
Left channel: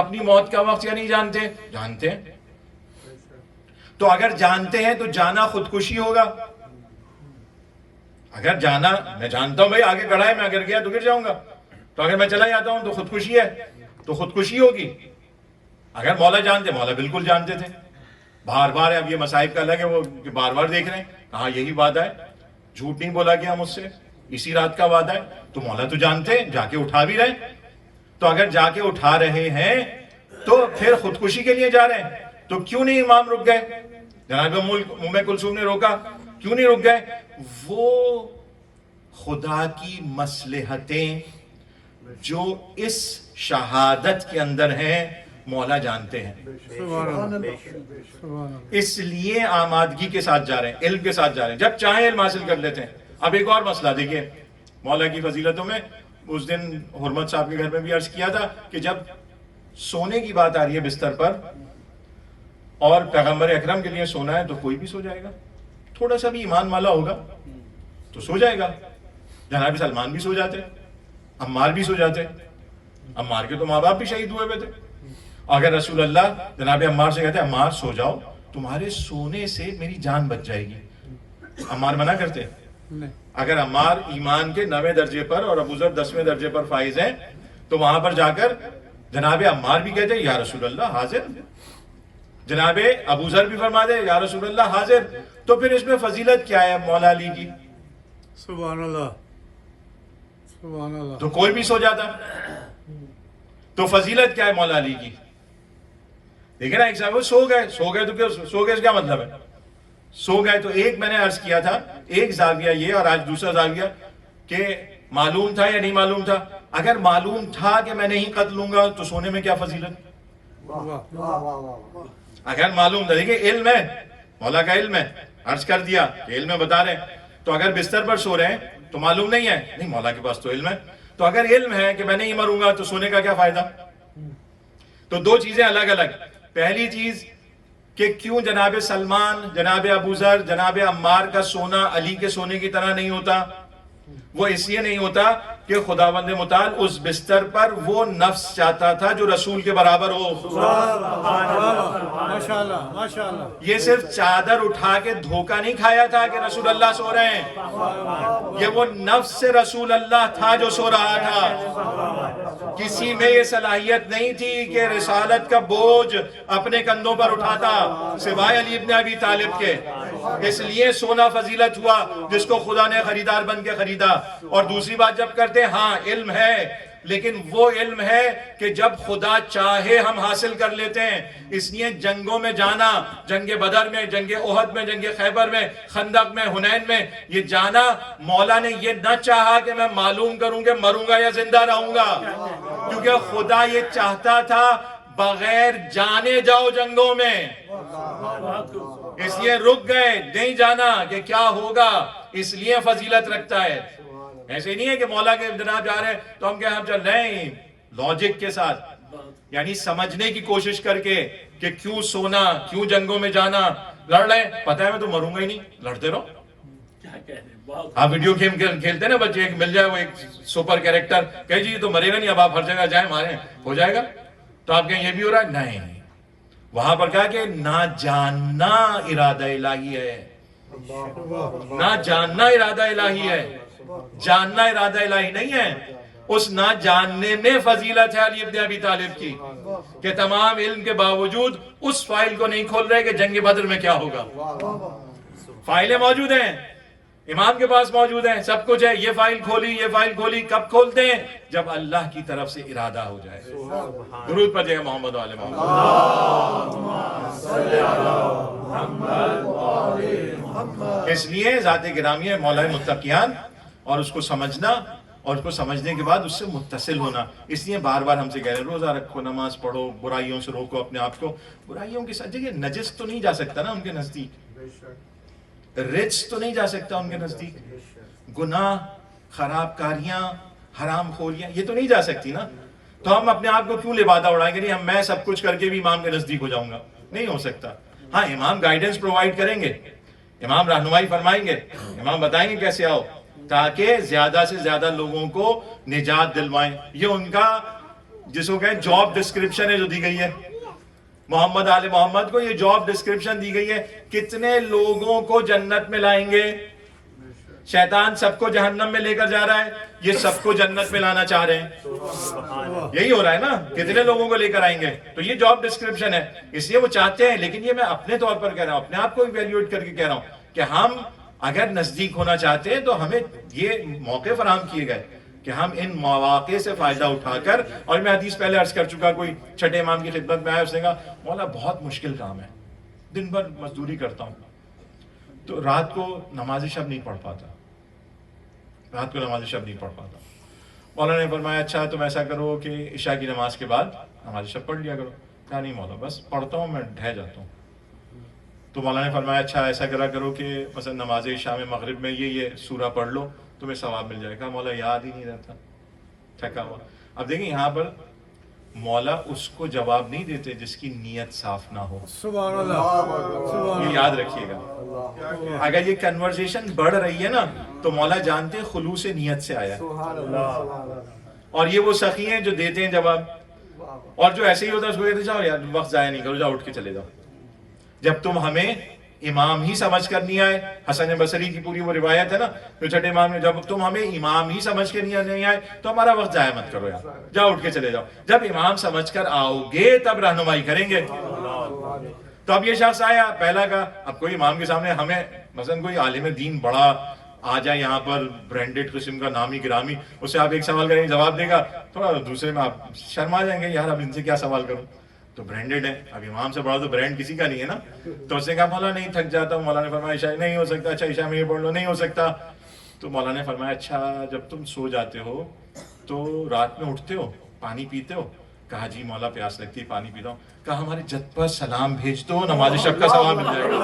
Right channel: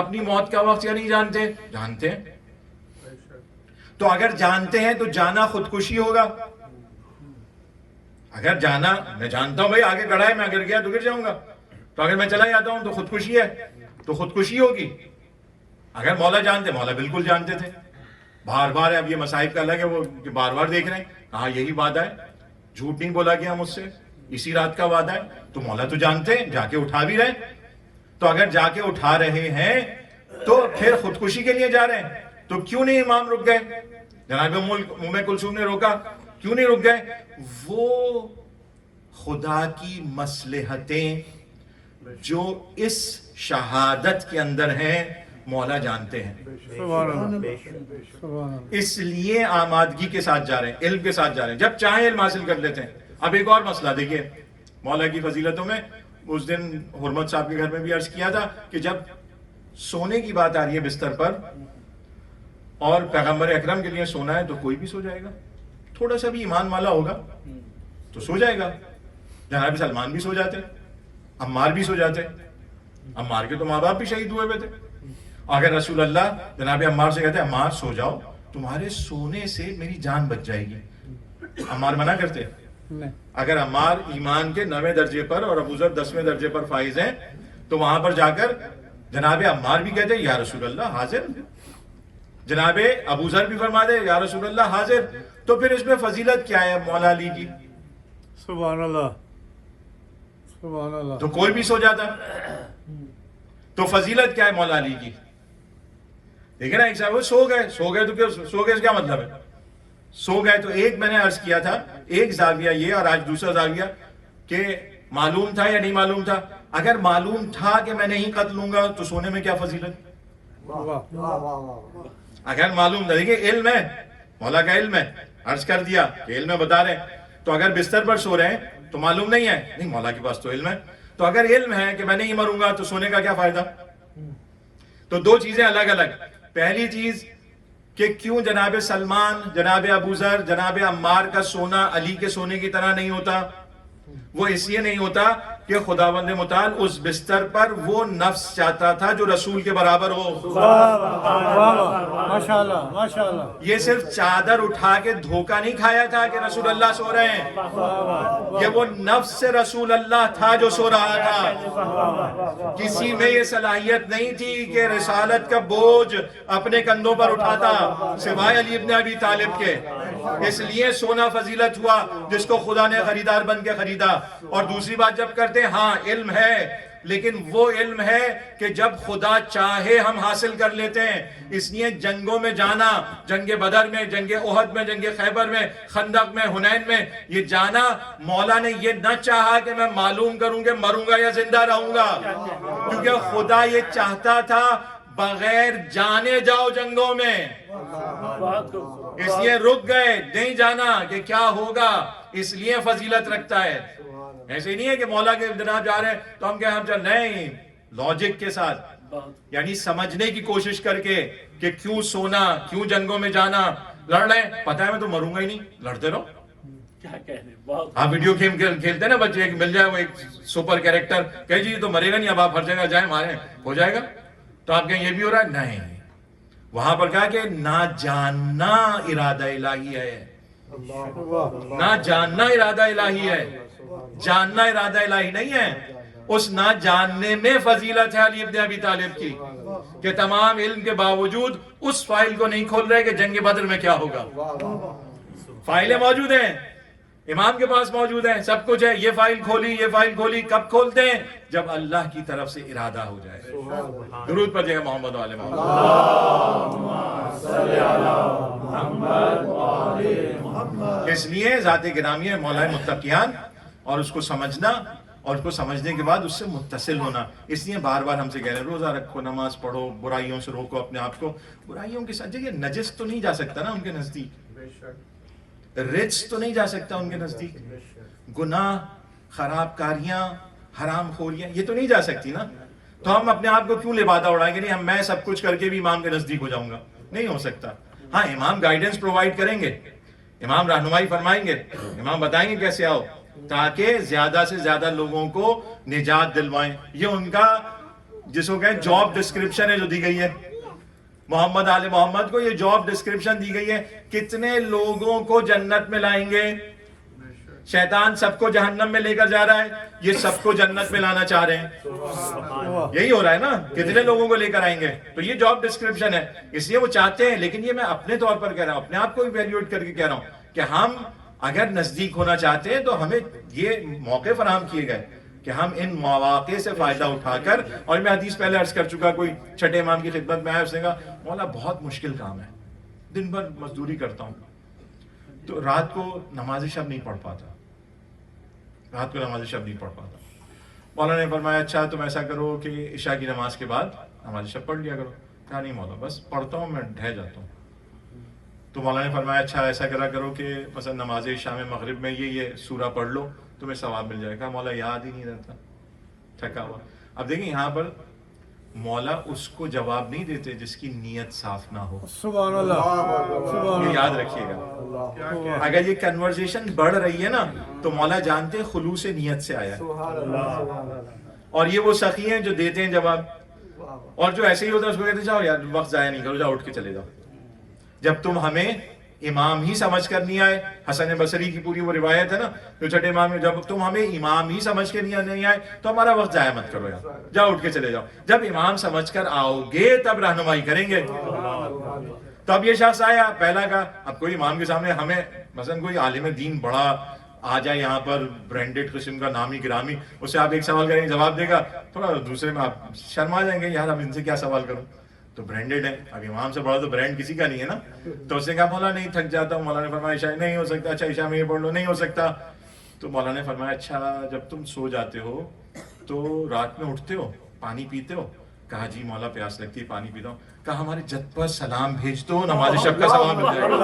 اپنی موت کا وقت یا نہیں جانتے؟ جانتے ہیں. تو اگر جانتے ہیں تو جانا خودکشی ہوگا. اگر جانا، میں جانتا ہوں بھائی آگے کھڑا ہے، میں اگر گیا تو گر جاؤں گا، تو اگر میں چلا جاتا ہوں تو خودکشی ہے، تو خودکشی ہوگی. اگر مولا جانتے، مولا بالکل جانتے تھے. بار بار ہے، اب یہ مصائب کا الگ ہے، وہ بار بار دیکھ رہے ہیں، کہاں یہی وعدہ ہے، جھوٹ نہیں بولا گیا مجھ سے، اسی رات کا وعدہ ہے. تو مولا تو جانتے ہیں، جا کے اٹھا بھی رہے. تو اگر جا کے اٹھا رہے ہیں تو پھر خودکشی کے لیے جا رہے ہیں. تو کیوں نہیں امام رک گئے؟ جناب ام کلثوم نے روکا، کیوں نہیں رک گئے؟ وہ خدا کی مصلحتیں جو اس شہادت کے اندر ہیں مولا جانتے ہیں. اس لیے آمادگی کے ساتھ جا رہے ہیں، علم کے ساتھ جا رہے ہیں. جب چاہیں علم حاصل کر لیتے ہیں. اب ایک اور مسئلہ دیکھیے مولا کی فضیلتوں میں، اس دن حرمت صاحب کے گھر میں بھی عرض کیا تھا کہ جب سونے کی بات آ رہی ہے بستر پر اور پیغمبر اکرم کے لیے سونا ہے تو کوئی بھی سو جائے گا. تھوڑا سا بھی ایمان والا ہوگا تو سو جائے گا. جناب سلمان بھی سو جاتے، عمار بھی سو جاتے. عمار کے تو ماں باپ بھی شہید ہوئے ہوئے تھے. اگر رسول اللہ جناب عمار سے کہتے عمار سو جاؤ، تمہارے سونے سے میری جان بچ جائے گی، عمار منع کرتے؟ اگر عمار ایمان کے 9ویں درجے پر اور ابوذر 10ویں درجے پر فائز ہیں تو وہاں پر جا کر جناب عمار بھی کہتے یا رسول اللہ حاضر، جناب ابوذر بھی فرما دے یا رسول اللہ حاضر. تو پھر اس میں فضیلت کیا ہے مولا علی کی؟ سبحان اللہ، سبحان اللہ. تو کوئی بھی سو جاتا. تو فضیلت کیا ہے مولا علی کی؟ دیکھیں نا، ایک صاحب سو گئے تو کیا سو گئے، اس کیا مطلب ہے؟ سو گئے تو ایک میں نے عرض کیا تھا، ایک زاویہ یہ اور آج دوسرا زاویہ کہ معلوم تھا یا نہیں معلوم تھا. اگر معلوم تھا کہ میں نہیں قتل لوں گا تو سونے میں کیا فضیلت؟ اگر معلوم تھا، دیکھیں علم ہے، مولا کا علم ہے، عرض کر دیا کہ علم ہے، بتا رہے ہیں، تو اگر بستر پر سو رہے ہیں تو معلوم نہیں ہے، نہیں مولا کے پاس تو علم ہے، تو اگر علم ہے کہ میں نہیں مروں گا تو سونے کا کیا فائدہ؟ تو دو چیزیں الگ الگ. پہلی چیز کہ کیوں جناب سلمان، جناب ابو ذر، جناب عمار کا سونا علی کے سونے کی طرح نہیں ہوتا؟ وہ اس لیے نہیں ہوتا کہ خداوند متعال اس بستر پر وہ نفس چاہتا تھا جو رسول کے برابر ہو. ماشاءاللہ ماشاءاللہ. یہ صرف چادر اٹھا کے دھوکہ نہیں کھایا تھا کہ رسول اللہ سو رہے ہیں، یہ وہ نفس سے رسول اللہ تھا جو سو رہا تھا. کسی میں یہ صلاحیت نہیں تھی کہ رسالت کا بوجھ اپنے کندھوں پر اٹھاتا سوائے علی ابن ابی طالب کے. اس لیے سونا فضیلت ہوا جس کو خدا نے خریدار بن کے خریدا. اور دوسری بات جب کرتے ہیں، ہاں علم ہے، لیکن وہ علم ہے کہ جب خدا چاہے ہم حاصل کر لیتے ہیں. اس لیے جنگوں میں جانا، جنگ بدر میں، جنگ احد میں، جنگ خیبر میں، خندق میں، حنین میں، یہ جانا مولا نے یہ نہ چاہا کہ میں معلوم کروں کہ مروں گا یا زندہ رہوں گا، کیونکہ خدا یہ چاہتا تھا بغیر جانے جاؤ جنگوں میں. اس لیے رک گئے، نہیں جانا کہ کیا ہوگا، اس لیے فضیلت رکھتا ہے. ایسے نہیں ہے کہ مولا کے جناب جا رہے ہیں تو ہم کہیں ہم چل نہیں، لاجک کے ساتھ، یعنی سمجھنے کی کوشش کر کے کہ کیوں سونا، کیوں جنگوں میں جانا. لڑ رہے ہیں، پتہ ہے میں تو مروں گا ہی نہیں، لڑتے رہو. آپ ویڈیو گیم کھیلتے ہیں نا بچے، ایک مل جائے وہ ایک سپر کیریکٹر، کہے جی تو مرے گا نہیں، اب آپ ہر جگہ جائیں ماریں ہو جائے گا، تو آپ کہیں یہ بھی ہو رہا ہے. نہیں، وہاں پر کہا کہ نہ جاننا ارادہ الہی ہے، نہ جاننا ارادہ الہی ہے، جاننا ارادہ الہی نہیں ہے. اس نہ جاننے میں فضیلت ہے علی ابن ابی طالب کی کہ تمام علم کے باوجود اس فائل کو نہیں کھول رہے کہ جنگ بدر میں کیا ہوگا. فائلیں موجود ہیں، امام کے پاس موجود ہیں، سب کچھ ہے، یہ فائل کھولی، یہ فائل کھولی. کب کھولتے ہیں؟ جب اللہ کی طرف سے ارادہ ہو جائے. درود پڑھیے گا محمد و آل محمد. اس لیے ذات گرامی ہے مولا متقیان، اور اس کو سمجھنا اور اس کو سمجھنے کے بعد اس سے متصل ہونا. اس لیے بار بار ہم سے کہہ رہے ہیں روزہ رکھو، نماز پڑھو، برائیوں سے روکو اپنے آپ کو. برائیوں کے ساتھ یہ نجس تو نہیں جا سکتا نا ان کے نزدیک، رجس تو نہیں جا سکتا ان کے نزدیک، گناہ، خراب کاریاں، حرام خوریاں یہ تو نہیں جا سکتی نا. تو ہم اپنے آپ کو کیوں لبادہ اڑائیں گے؟ نہیں میں سب کچھ کر کے بھی امام کے نزدیک ہو جاؤں گا، نہیں ہو سکتا. ہاں امام گائیڈنس پرووائڈ کریں گے، امام رہنمائی فرمائیں گے، امام بتائیں گے کیسے آؤ، تاکہ زیادہ سے زیادہ لوگوں کو نجات دلوائیں. یہ ان کا جس کو کہیں جاب ڈسکرپشن ہے جو دی گئی ہے. محمد آل محمد کو یہ جاب ڈسکرپشن دی گئی ہے. کتنے لوگوں کو جنت میں لائیں گے؟ شیطان سب کو جہنم میں لے کر جا رہا ہے، یہ سب کو جنت میں لانا چاہ رہے ہیں. یہی ہو رہا ہے نا، کتنے لوگوں کو لے کر آئیں گے. تو یہ جاب ڈسکرپشن ہے، اس لیے وہ چاہتے ہیں. لیکن یہ میں اپنے طور پر کہہ رہا ہوں، اپنے آپ کو ایویلیویٹ کر کے کہہ رہا ہوں کہ ہم اگر نزدیک ہونا چاہتے ہیں تو ہمیں یہ موقع فراہم کیے گئے کہ ہم ان مواقع سے فائدہ اٹھا کر. اور میں حدیث پہلے عرض کر چکا، کوئی چھٹے امام کی خدمت میں آیا، اس نے کہا مولا بہت مشکل کام ہے، دن بھر مزدوری کرتا ہوں تو رات کو نماز شب نہیں پڑھ پاتا، رات کو نماز شب نہیں پڑھ پاتا. مولا نے فرمایا اچھا تم ایسا کرو کہ عشاء کی نماز کے بعد نماز شب پڑھ لیا کرو. کہا نہیں مولا بس پڑھتا ہوں میں ڈھہ جاتا ہوں. تو مولا نے فرمایا اچھا ایسا کرا کرو کہ مثلا نماز عشاء میں مغرب میں یہ سورہ پڑھ لو تمہیں ثواب مل جائے گا. مولا یاد ہی نہیں رہتا، تھکا ہوا. اب دیکھیں یہاں پر مولا اس کو جواب نہیں دیتے جس کی نیت صاف نہ ہو. سبحان اللہ، یہ یاد رکھیے گا. اگر یہ کنورسیشن بڑھ رہی ہے نا تو مولا جانتے خلوص نیت سے آیا ہے. اور یہ وہ سخی ہیں جو دیتے ہیں جواب، اور جو ایسے ہی ہوتا ہے اس کو کہتے جاؤ یار وقت ضائع نہیں کرو، جاؤ اٹھ کے چلے جاؤ. جب تم ہمیں امام ہی سمجھ کر نہیں آئے، حسن بصری کی پوری وہ روایت ہے نا جو چھٹے امام میں، جب تم ہمیں امام ہی سمجھ کے نہیں آئے تو ہمارا وقت ضائع مت کرو یار، جاؤ اٹھ کے چلے جاؤ. جب امام سمجھ کر آؤ گے تب رہنمائی کریں گے. تو اب یہ شخص آیا پہلا کا، اب کوئی امام کے سامنے ہمیں مثلا کوئی عالم دین بڑا آ جائے یہاں پر برانڈیڈ قسم کا نامی گرامی، اس سے آپ ایک سوال کریں گے جواب دے گا، تھوڑا دوسرے میں آپ شرما جائیں گے یار اب ان سے کیا سوال کروں، تو برانڈیڈ ہے. اب امام سے بڑا تو برانڈ کسی کا نہیں ہے نا. تو اس نے کہا مولا نہیں تھک جاتا ہوں. مولا نے فرمایا عشاء نہیں ہو سکتا. اچھا عشاء میں یہ پڑھ لو، نہیں ہو سکتا. تو مولا نے فرمایا اچھا جب تم سو جاتے ہو تو رات میں اٹھتے ہو پانی پیتے ہو؟ کہا جی مولا پیاس لگتی ہے پانی پیتا ہوں. کہا ہمارے جد پر سلام بھیج دو نماز شب کا ثواب مل جائے گا.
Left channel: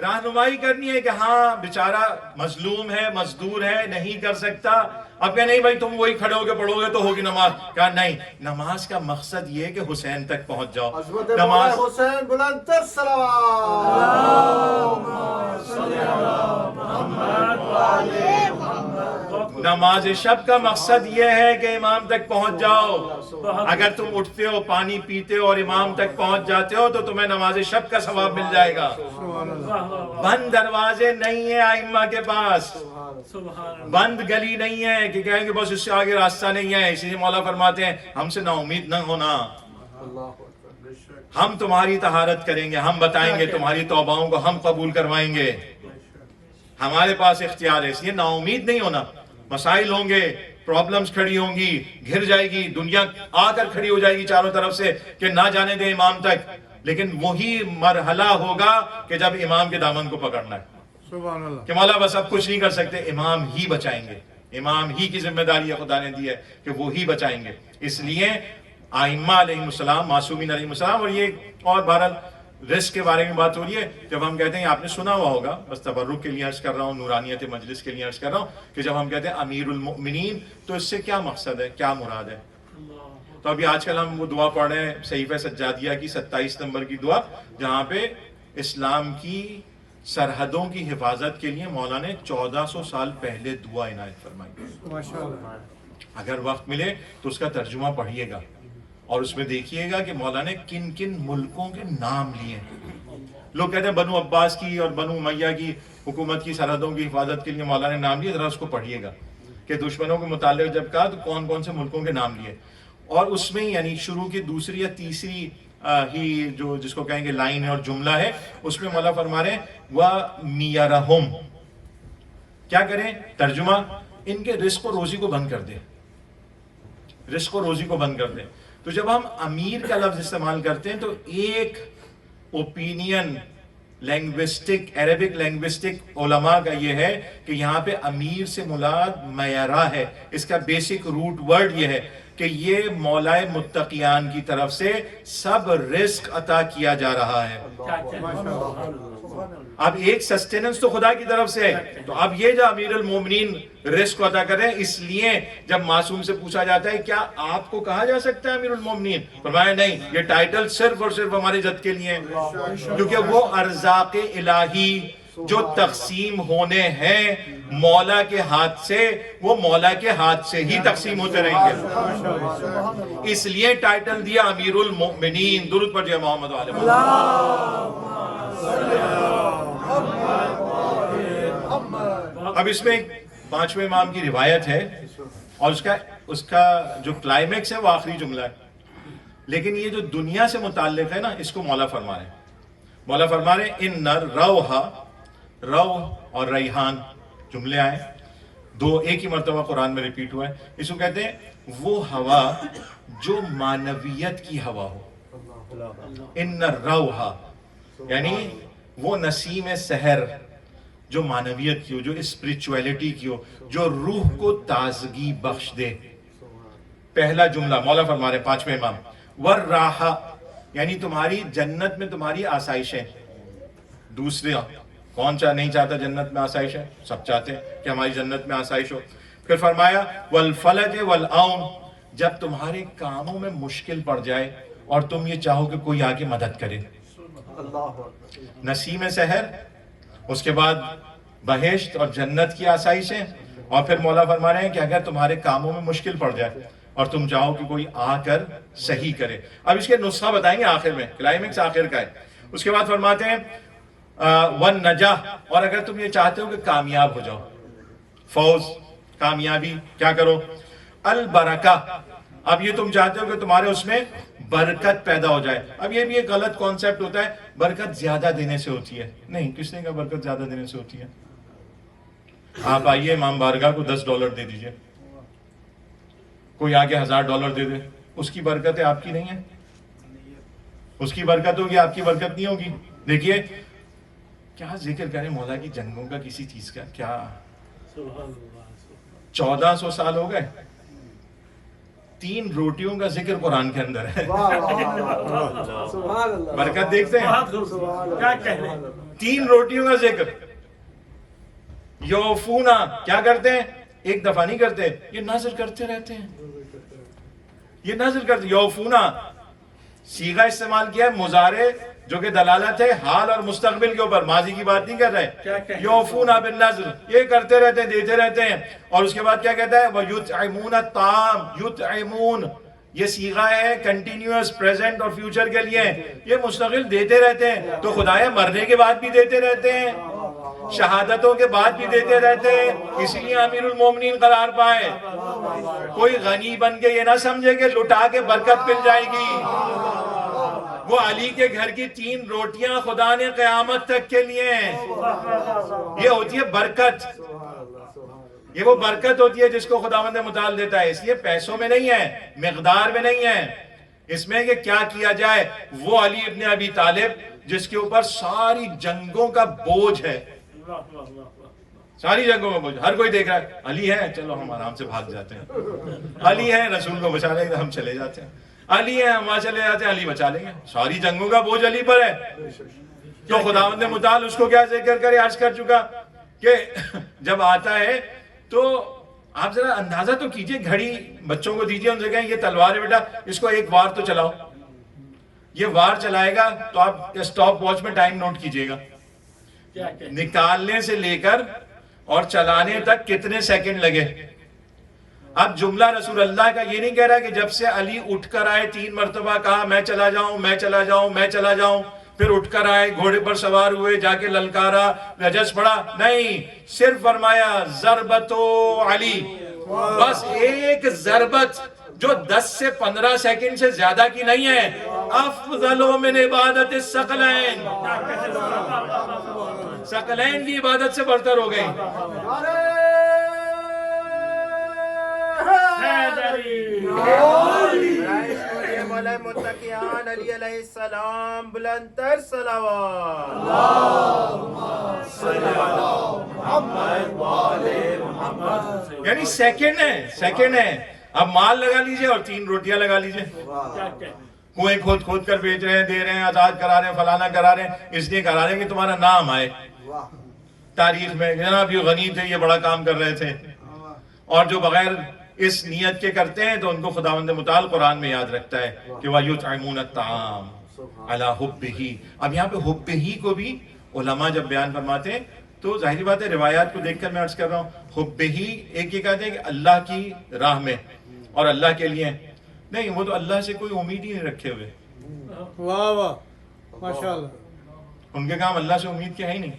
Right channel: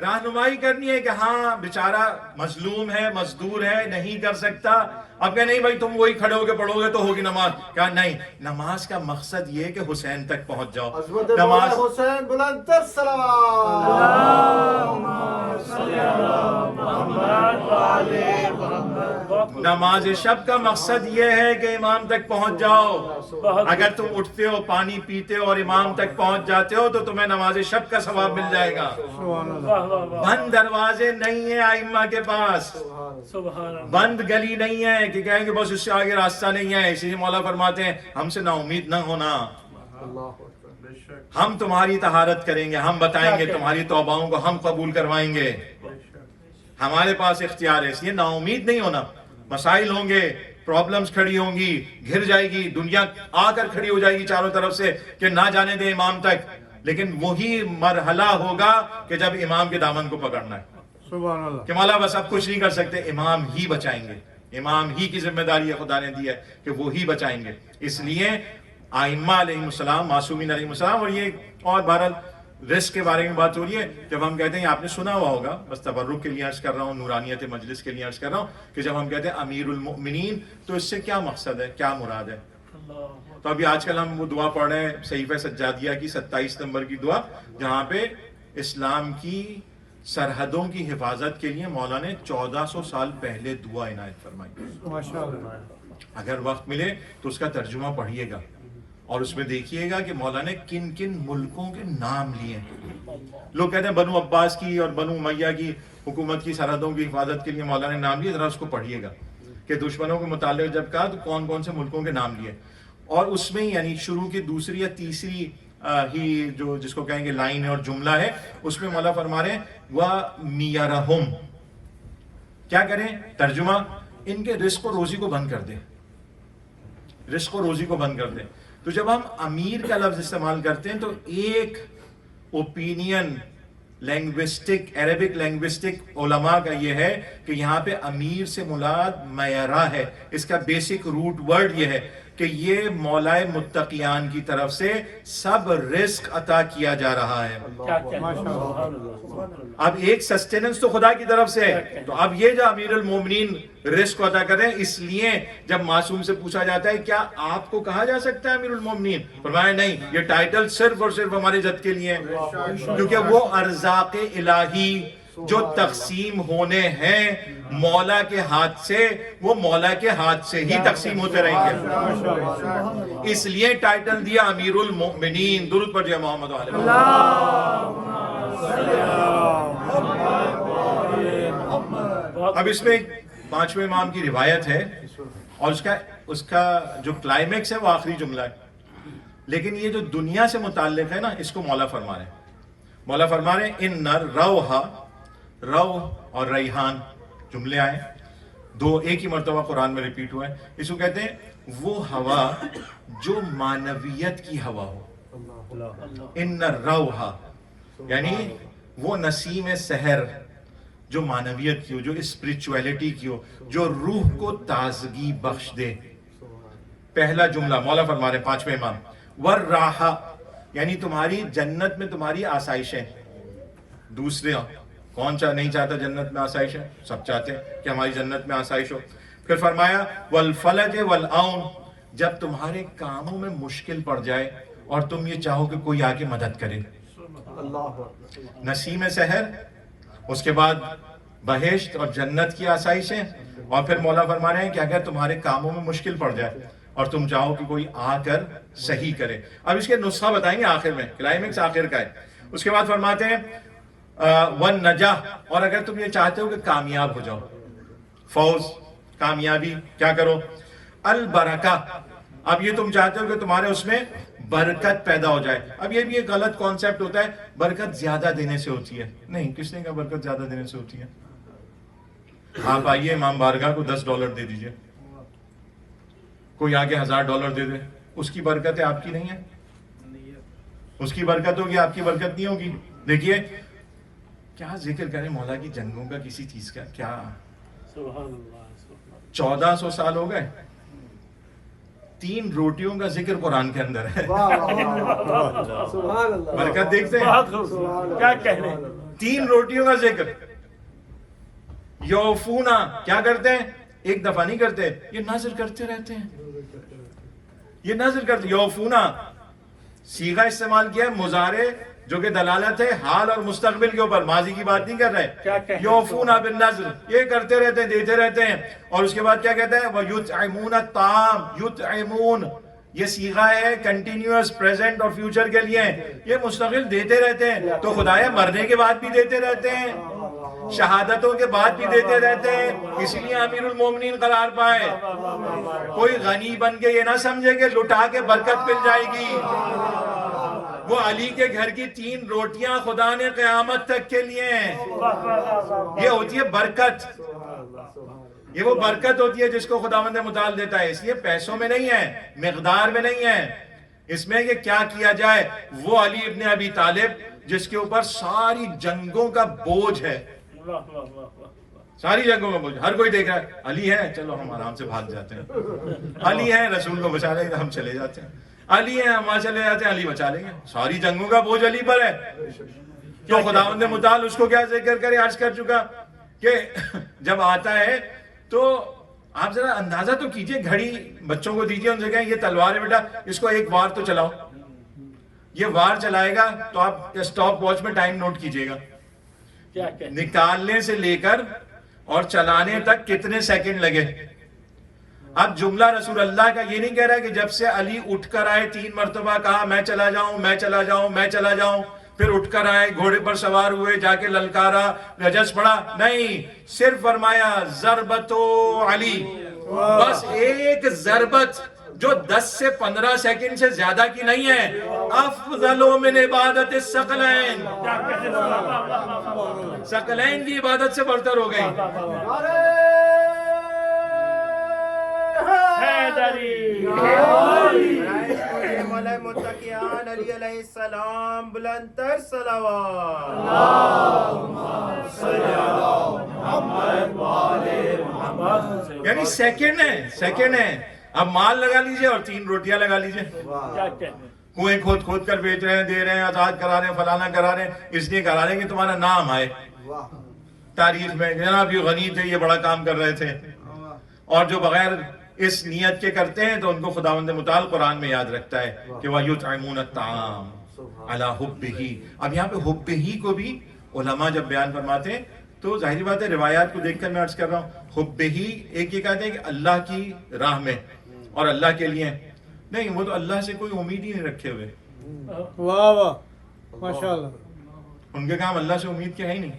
رہنمائی کرنی ہے کہ ہاں بیچارہ مظلوم ہے مزدور ہے نہیں کر سکتا. اب کہ نہیں بھائی تم وہی کھڑے ہو کے پڑھو گے تو ہوگی نماز. کہا نہیں، نماز کا مقصد یہ ہے کہ حسین تک پہنچ جاؤ. نماز حسین بلند نماز شب کا مقصد یہ ہے کہ امام تک پہنچ جاؤ. اگر تم اٹھتے ہو پانی پیتے ہو اور امام تک پہنچ جاتے ہو تو تمہیں نماز شب کا ثواب مل جائے گا. بند دروازے نہیں ہیں ائمہ کے پاس، بند گلی نہیں ہے کہ کہیں گے بس اس سے آگے راستہ نہیں ہے. اسی لیے مولا فرماتے ہیں ہم سے نا امید نہ ہونا، ہم تمہاری طہارت کریں گے، ہم بتائیں گے تمہاری توباؤں کو ہم قبول کروائیں گے. ہمارے پاس اختیار ہے، اس لیے نا امید نہیں ہونا. مسائل ہوں گے، پرابلمز کھڑی ہوں گی، گھر جائے گی دنیا، آ کر کھڑی ہو جائے گی چاروں طرف سے کہ نہ جانے دیں امام تک. لیکن وہی مرحلہ ہوگا کہ جب امام کے دامن کو پکڑنا ہے کہ مولا بس اب کچھ نہیں کر سکتے، امام ہی بچائیں گے. امام ہی کی ذمہ داری ہے خدا نے دی ہے کہ وہی بچائیں گے. اس لیے ائمہ علیہ السلام، معصومین علیہ السلام. اور یہ اور بہرحال رزق کے بارے میں بات ہو رہی ہے. جب ہم کہتے ہیں، آپ نے سنا ہوا ہوگا، بس تبرک کے لیے عرض کر رہا ہوں، نورانیت مجلس کے لیے عرض کر رہا ہوں کہ جب ہم کہتے ہیں امیر المؤمنین تو اس سے کیا مقصد ہے، کیا مراد ہے؟ تو ابھی آج کل ہم وہ دعا پڑھ رہے ہیں صحیفہ سجادیہ کی 27 نمبر کی دعا، جہاں پہ اسلام کی سرحدوں کی حفاظت کے لیے مولا نے 1400 سال پہلے دعا عنایت فرمائی. اگر وقت ملے تو اس کا ترجمہ پڑھیے گا اور اس میں دیکھیے گا کہ مولا نے کن کن ملکوں کے نام لیے. لوگ کہتے ہیں بنو عباس کی اور بنو امیہ کی حکومت کی سرحدوں کی حفاظت کے لیے مولا نے نام لیے. ذرا اس کو پڑھیے گا کہ دشمنوں کے متعلق جب کہا تو کون کون سے ملکوں کے نام لیے. اور اس میں یعنی شروع کی دوسری یا تیسری ہی جو جس کو کہیں گے لائن ہے اور جملہ ہے، اس میں مولا فرما رہے ہیں وَمِيَرَهُمْ، کیا کریں؟ ترجمہ، ان کے رزق و روزی کو بند کر دیں، رزق و روزی کو بند کر دیں. تو جب ہم امیر کا لفظ استعمال کرتے ہیں تو ایک اوپینین لینگوسٹک، عربک لینگوسٹک علماء کا یہ ہے کہ یہاں پہ امیر سے مراد میرا ہے. اس کا بیسک روٹ ورڈ یہ ہے کہ یہ مولا متقیان کی طرف سے سب رزق عطا کیا جا رہا ہے. اب ایک سسٹیننس تو خدا کی طرف سے ہے، تو اب یہ جو امیر المومنین رزق عطا کر رہے ہیں، اس لیے جب معصوم سے پوچھا جاتا ہے کیا آپ کو کہا جا سکتا ہے امیر المومنین، فرمایا نہیں، یہ ٹائٹل صرف اور صرف ہماری عزت کے لیے ہے، کیونکہ وہ ارزاق الہی جو تقسیم ہونے ہیں مولا کے ہاتھ سے، وہ مولا کے ہاتھ سے ہی تقسیم ہوتے رہیں گے. اس لیے ٹائٹل دیا امیر المؤمنین. درود پڑھ جائے محمد علیہ وسلم. اب اس میں 5ویں امام کی روایت ہے اور اس کا جو کلائمیکس ہے وہ آخری جملہ ہے. لیکن یہ جو دنیا سے متعلق ہے نا، اس کو مولا فرما رہے ہیں. مولا فرما رہے ہیں ان روح اور ریحان جملے آئے دو، ایک ہی مرتبہ قرآن میں ریپیٹ ہوا ہے. اس کو کہتے ہیں وہ ہوا جو معنویت کی ہوا ہو. ان روح یعنی وہ نسیم سحر جو معنویت کی ہو، جو اسپریچویلٹی کی ہو، جو روح کو تازگی بخش دے. پہلا جملہ مولا فرما رہے ہیں 5ویں امام. والراحہ یعنی تمہاری جنت میں تمہاری آسائش ہے. دوسرے کون نہیں چاہتا جنت میں آسائش ہے؟ سب چاہتے ہیں کہ ہماری جنت میں آسائش ہو. پھر فرمایا والفلج والعون، جب تمہارے کاموں میں مشکل پڑ جائے اور تم یہ چاہو کہ کوئی آگے مدد کرے. نسیم سحر، اس کے بعد بہشت اور جنت کی آسائشیں، اور پھر مولا فرما رہے ہیں کہ اگر تمہارے کاموں میں مشکل پڑ جائے اور تم چاہو کہ کوئی آ کر صحیح کرے. اب اس کے نسخہ بتائیں گے آخر میں، کلائمیکس آخر کا ہے. اس کے بعد فرماتے ہیں والنجاح، اور اگر تم یہ چاہتے ہو کہ کامیاب ہو جاؤ، فوز، کامیابی، کیا کرو؟ البرکہ، اب یہ تم چاہتے ہو کہ تمہارے اس میں برکت پیدا ہو جائے. اب یہ بھی ایک غلط کانسیپٹ ہوتا ہے، برکت زیادہ دینے سے ہوتی ہے. نہیں، کس نے کہا برکت زیادہ دینے سے ہوتی ہے؟ آپ آئیے امام بارگاہ کو $10 دے دیجئے، کوئی آگے $1000 دے دے، اس کی برکت ہے، آپ کی نہیں ہے. اس کی برکت ہوگی، آپ کی برکت نہیں ہوگی. دیکھیے کیا ذکر کریں مولا کی جنگوں کا کسی چیز کا, کیا سبحان اللہ 1400 سال ہو گئے, 3 روٹیوں کا ذکر قرآن کے اندر ہے. برکت دیکھتے ہیں, بہت خوبصورت کیا کہہ رہے ہیں 3 روٹیوں کا ذکر. یوفونا کیا کرتے ہیں, ایک دفعہ نہیں کرتے, یہ نظر کرتے رہتے ہیں, یہ نظر کرتے. یوفونا صیغہ استعمال کیا ہے مضارع جو کہ دلالت ہے حال اور مستقبل کے اوپر, ماضی کی بات نہیں کر رہے. یوفونا بالنظر, یہ کرتے رہتے ہیں, دیتے رہتے ہیں. اور اس کے بعد کیا کہتا ہے, وَيُطْعِمُونَ الطَّعَامَ, یطعمون یہ صیغہ ہے کنٹینیوس پریزنٹ اور فیوچر کے لیے, یہ مستقل دیتے رہتے ہیں. تو خدایا مرنے کے بعد بھی دیتے رہتے ہیں, شہادتوں کے بعد بھی دیتے رہتے ہیں, اسی لیے امیر المومنین قرار پائے. کوئی غنی بن کے یہ نہ سمجھے کہ لٹا کے برکت مل جائے گی. وہ علی کے گھر کی 3 روٹیاں خدا نے قیامت تک کے لیے ہیں. یہ ہوتی ہے برکت, یہ وہ برکت ہوتی ہے جس کو خداوند متعال دیتا ہے. اس لیے پیسوں میں نہیں ہے, مقدار میں نہیں ہے, اس میں کہ کیا کیا جائے. وہ علی ابن ابی طالب جس کے اوپر ساری جنگوں کا بوجھ ہے, ساری جنگوں میں بوجھ. ہر کوئی دیکھ رہا ہے علی ہے, چلو ہم آرام سے بھاگ جاتے ہیں. علی ہے, رسول کو بچا لیں گے, ہم چلے جاتے ہیں. علی ہے, ہم وہاں چلے جاتے ہیں, علی بچا لیں گے. ساری جنگوں کا بوجھ علی پر ہے. تو خداوند متعال اس کو کیا ذکر کرے, عرض کر چکا کہ جب آتا ہے تو آپ ذرا اندازہ تو کیجئے, گھڑی بچوں کو دیجئے, ان سے کہیں یہ تلوار ہے بیٹا, اس کو ایک وار تو چلاؤ. یہ وار چلائے گا تو آپ اسٹاپ واچ میں ٹائم نوٹ کیجئے گا, نکالنے سے لے کر اور چلانے تک کتنے سیکنڈ لگے. اب جملہ رسول اللہ کا یہ نہیں کہہ رہا کہ جب سے علی اٹھ کر آئے 3 مرتبہ کہا میں چلا جاؤں, میں چلا جاؤں, میں چلا جاؤں, پھر اٹھ کر آئے, گھوڑے پر سوار ہوئے, جا کے للکارا, رجس پڑا, نہیں, صرف فرمایا ضربتو علی, بس ایک ضربت جو 10 سے 15 سیکنڈ سے زیادہ کی نہیں ہے. افضل من عبادت الثقلین, ثقلین کی عبادت سے برتر ہو گئی. متقیان علی علیہ السلام, بلند تر صلوات. یعنی سیکنڈ ہے, سیکنڈ ہے. اب مال لگا لیجئے اور 3 روٹیاں لگا لیجئے. کنویں کھود کھود کر بیچ رہے ہیں, دے رہے ہیں, آزاد کرا رہے ہیں, فلانا کرا رہے ہیں, اس لیے کرا رہے ہیں کہ تمہارا نام آئے تاریخ میں, جناب یہ غنی تھے, یہ بڑا کام کر رہے تھے. اور جو بغیر اس نیت کے کرتے ہیں تو ان کو خداوند متعال قرآن میں یاد رکھتا ہے کہ وَيُطْعِمُونَ الطَّعَامَ عَلَى حُبِّهِ. اب یہاں پہ حُبِّهِ کو بھی علماء جب بیان فرماتے ہیں تو ظاہری بات ہے, روایات کو دیکھ کر میں عرض کر رہا ہوں, حُبِّهِ ایک یہ کہتے ہیں کہ اللہ کی راہ میں اور اللہ کے لیے نہیں, وہ تو اللہ سے کوئی امید ہی نہیں رکھے ہوئے. واہ واہ ماشاءاللہ, ان کے کام اللہ سے امید کے ہے ہی نہیں.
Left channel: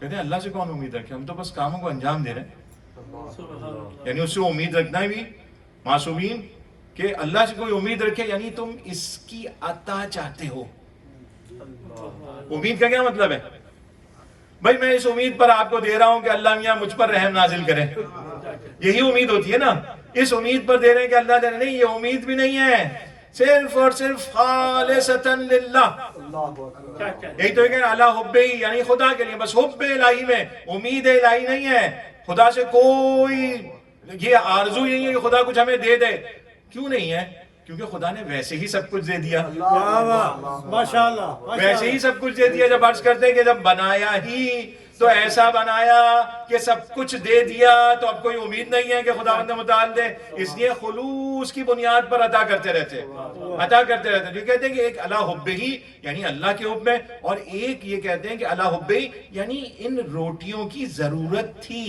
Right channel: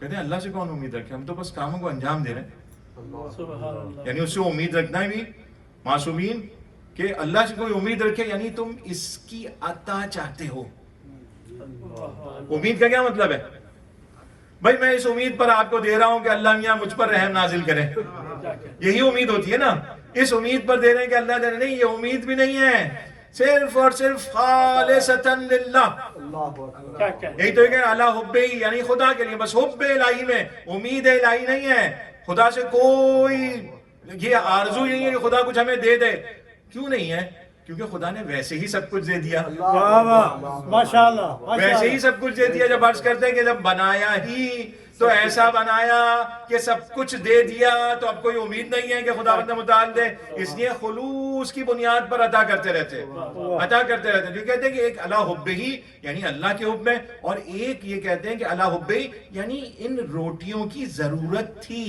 کہتے ہیں اللہ سے کون امید رکھے, ہم تو بس کاموں کو انجام دے رہے ہیں. یعنی اس سے امید رکھنا ہے بھی معصومین کہ اللہ سے کوئی امید رکھے, یعنی تم اس کی عطا چاہتے ہو. امید کا کیا مطلب ہے بھائی, میں اس امید پر آپ کو دے رہا ہوں کہ اللہ میاں مجھ پر رحم نازل کرے, یہی امید ہوتی ہے نا. اس امید پر دے رہے ہیں کہ اللہ دے رہے, نہیں, یہ امید بھی نہیں ہے, صرف اور صرف خالصتاً للہ. یہی تو ہے کہ علی حبہ, یعنی خدا کے لیے, بس حب الہی میں, امید الہی نہیں ہے. خدا سے کوئی یہ آرزو نہیں ہے کہ خدا کچھ ہمیں دے دے. کیوں نہیں ہے؟ کیونکہ خدا نے ویسے ہی سب کچھ دے دیا. ماشاءاللہ, ویسے ہی سب کچھ دے دیا. جب عرض کرتے ہیں کہ جب بنایا ہی تو ایسا بنایا کہ سب کچھ دے دیا, تو اب کوئی امید نہیں ہے کہ خداوند متعال دے. اس لیے خلوص کی بنیاد پر عطا کرتے رہتے, عطا کرتے رہتے. جو کہتے ہیں کہ ایک علی حبہ یعنی اللہ کے حب میں, اور ایک یہ کہتے ہیں کہ علی حبہ یعنی ان روٹیوں کی ضرورت تھی.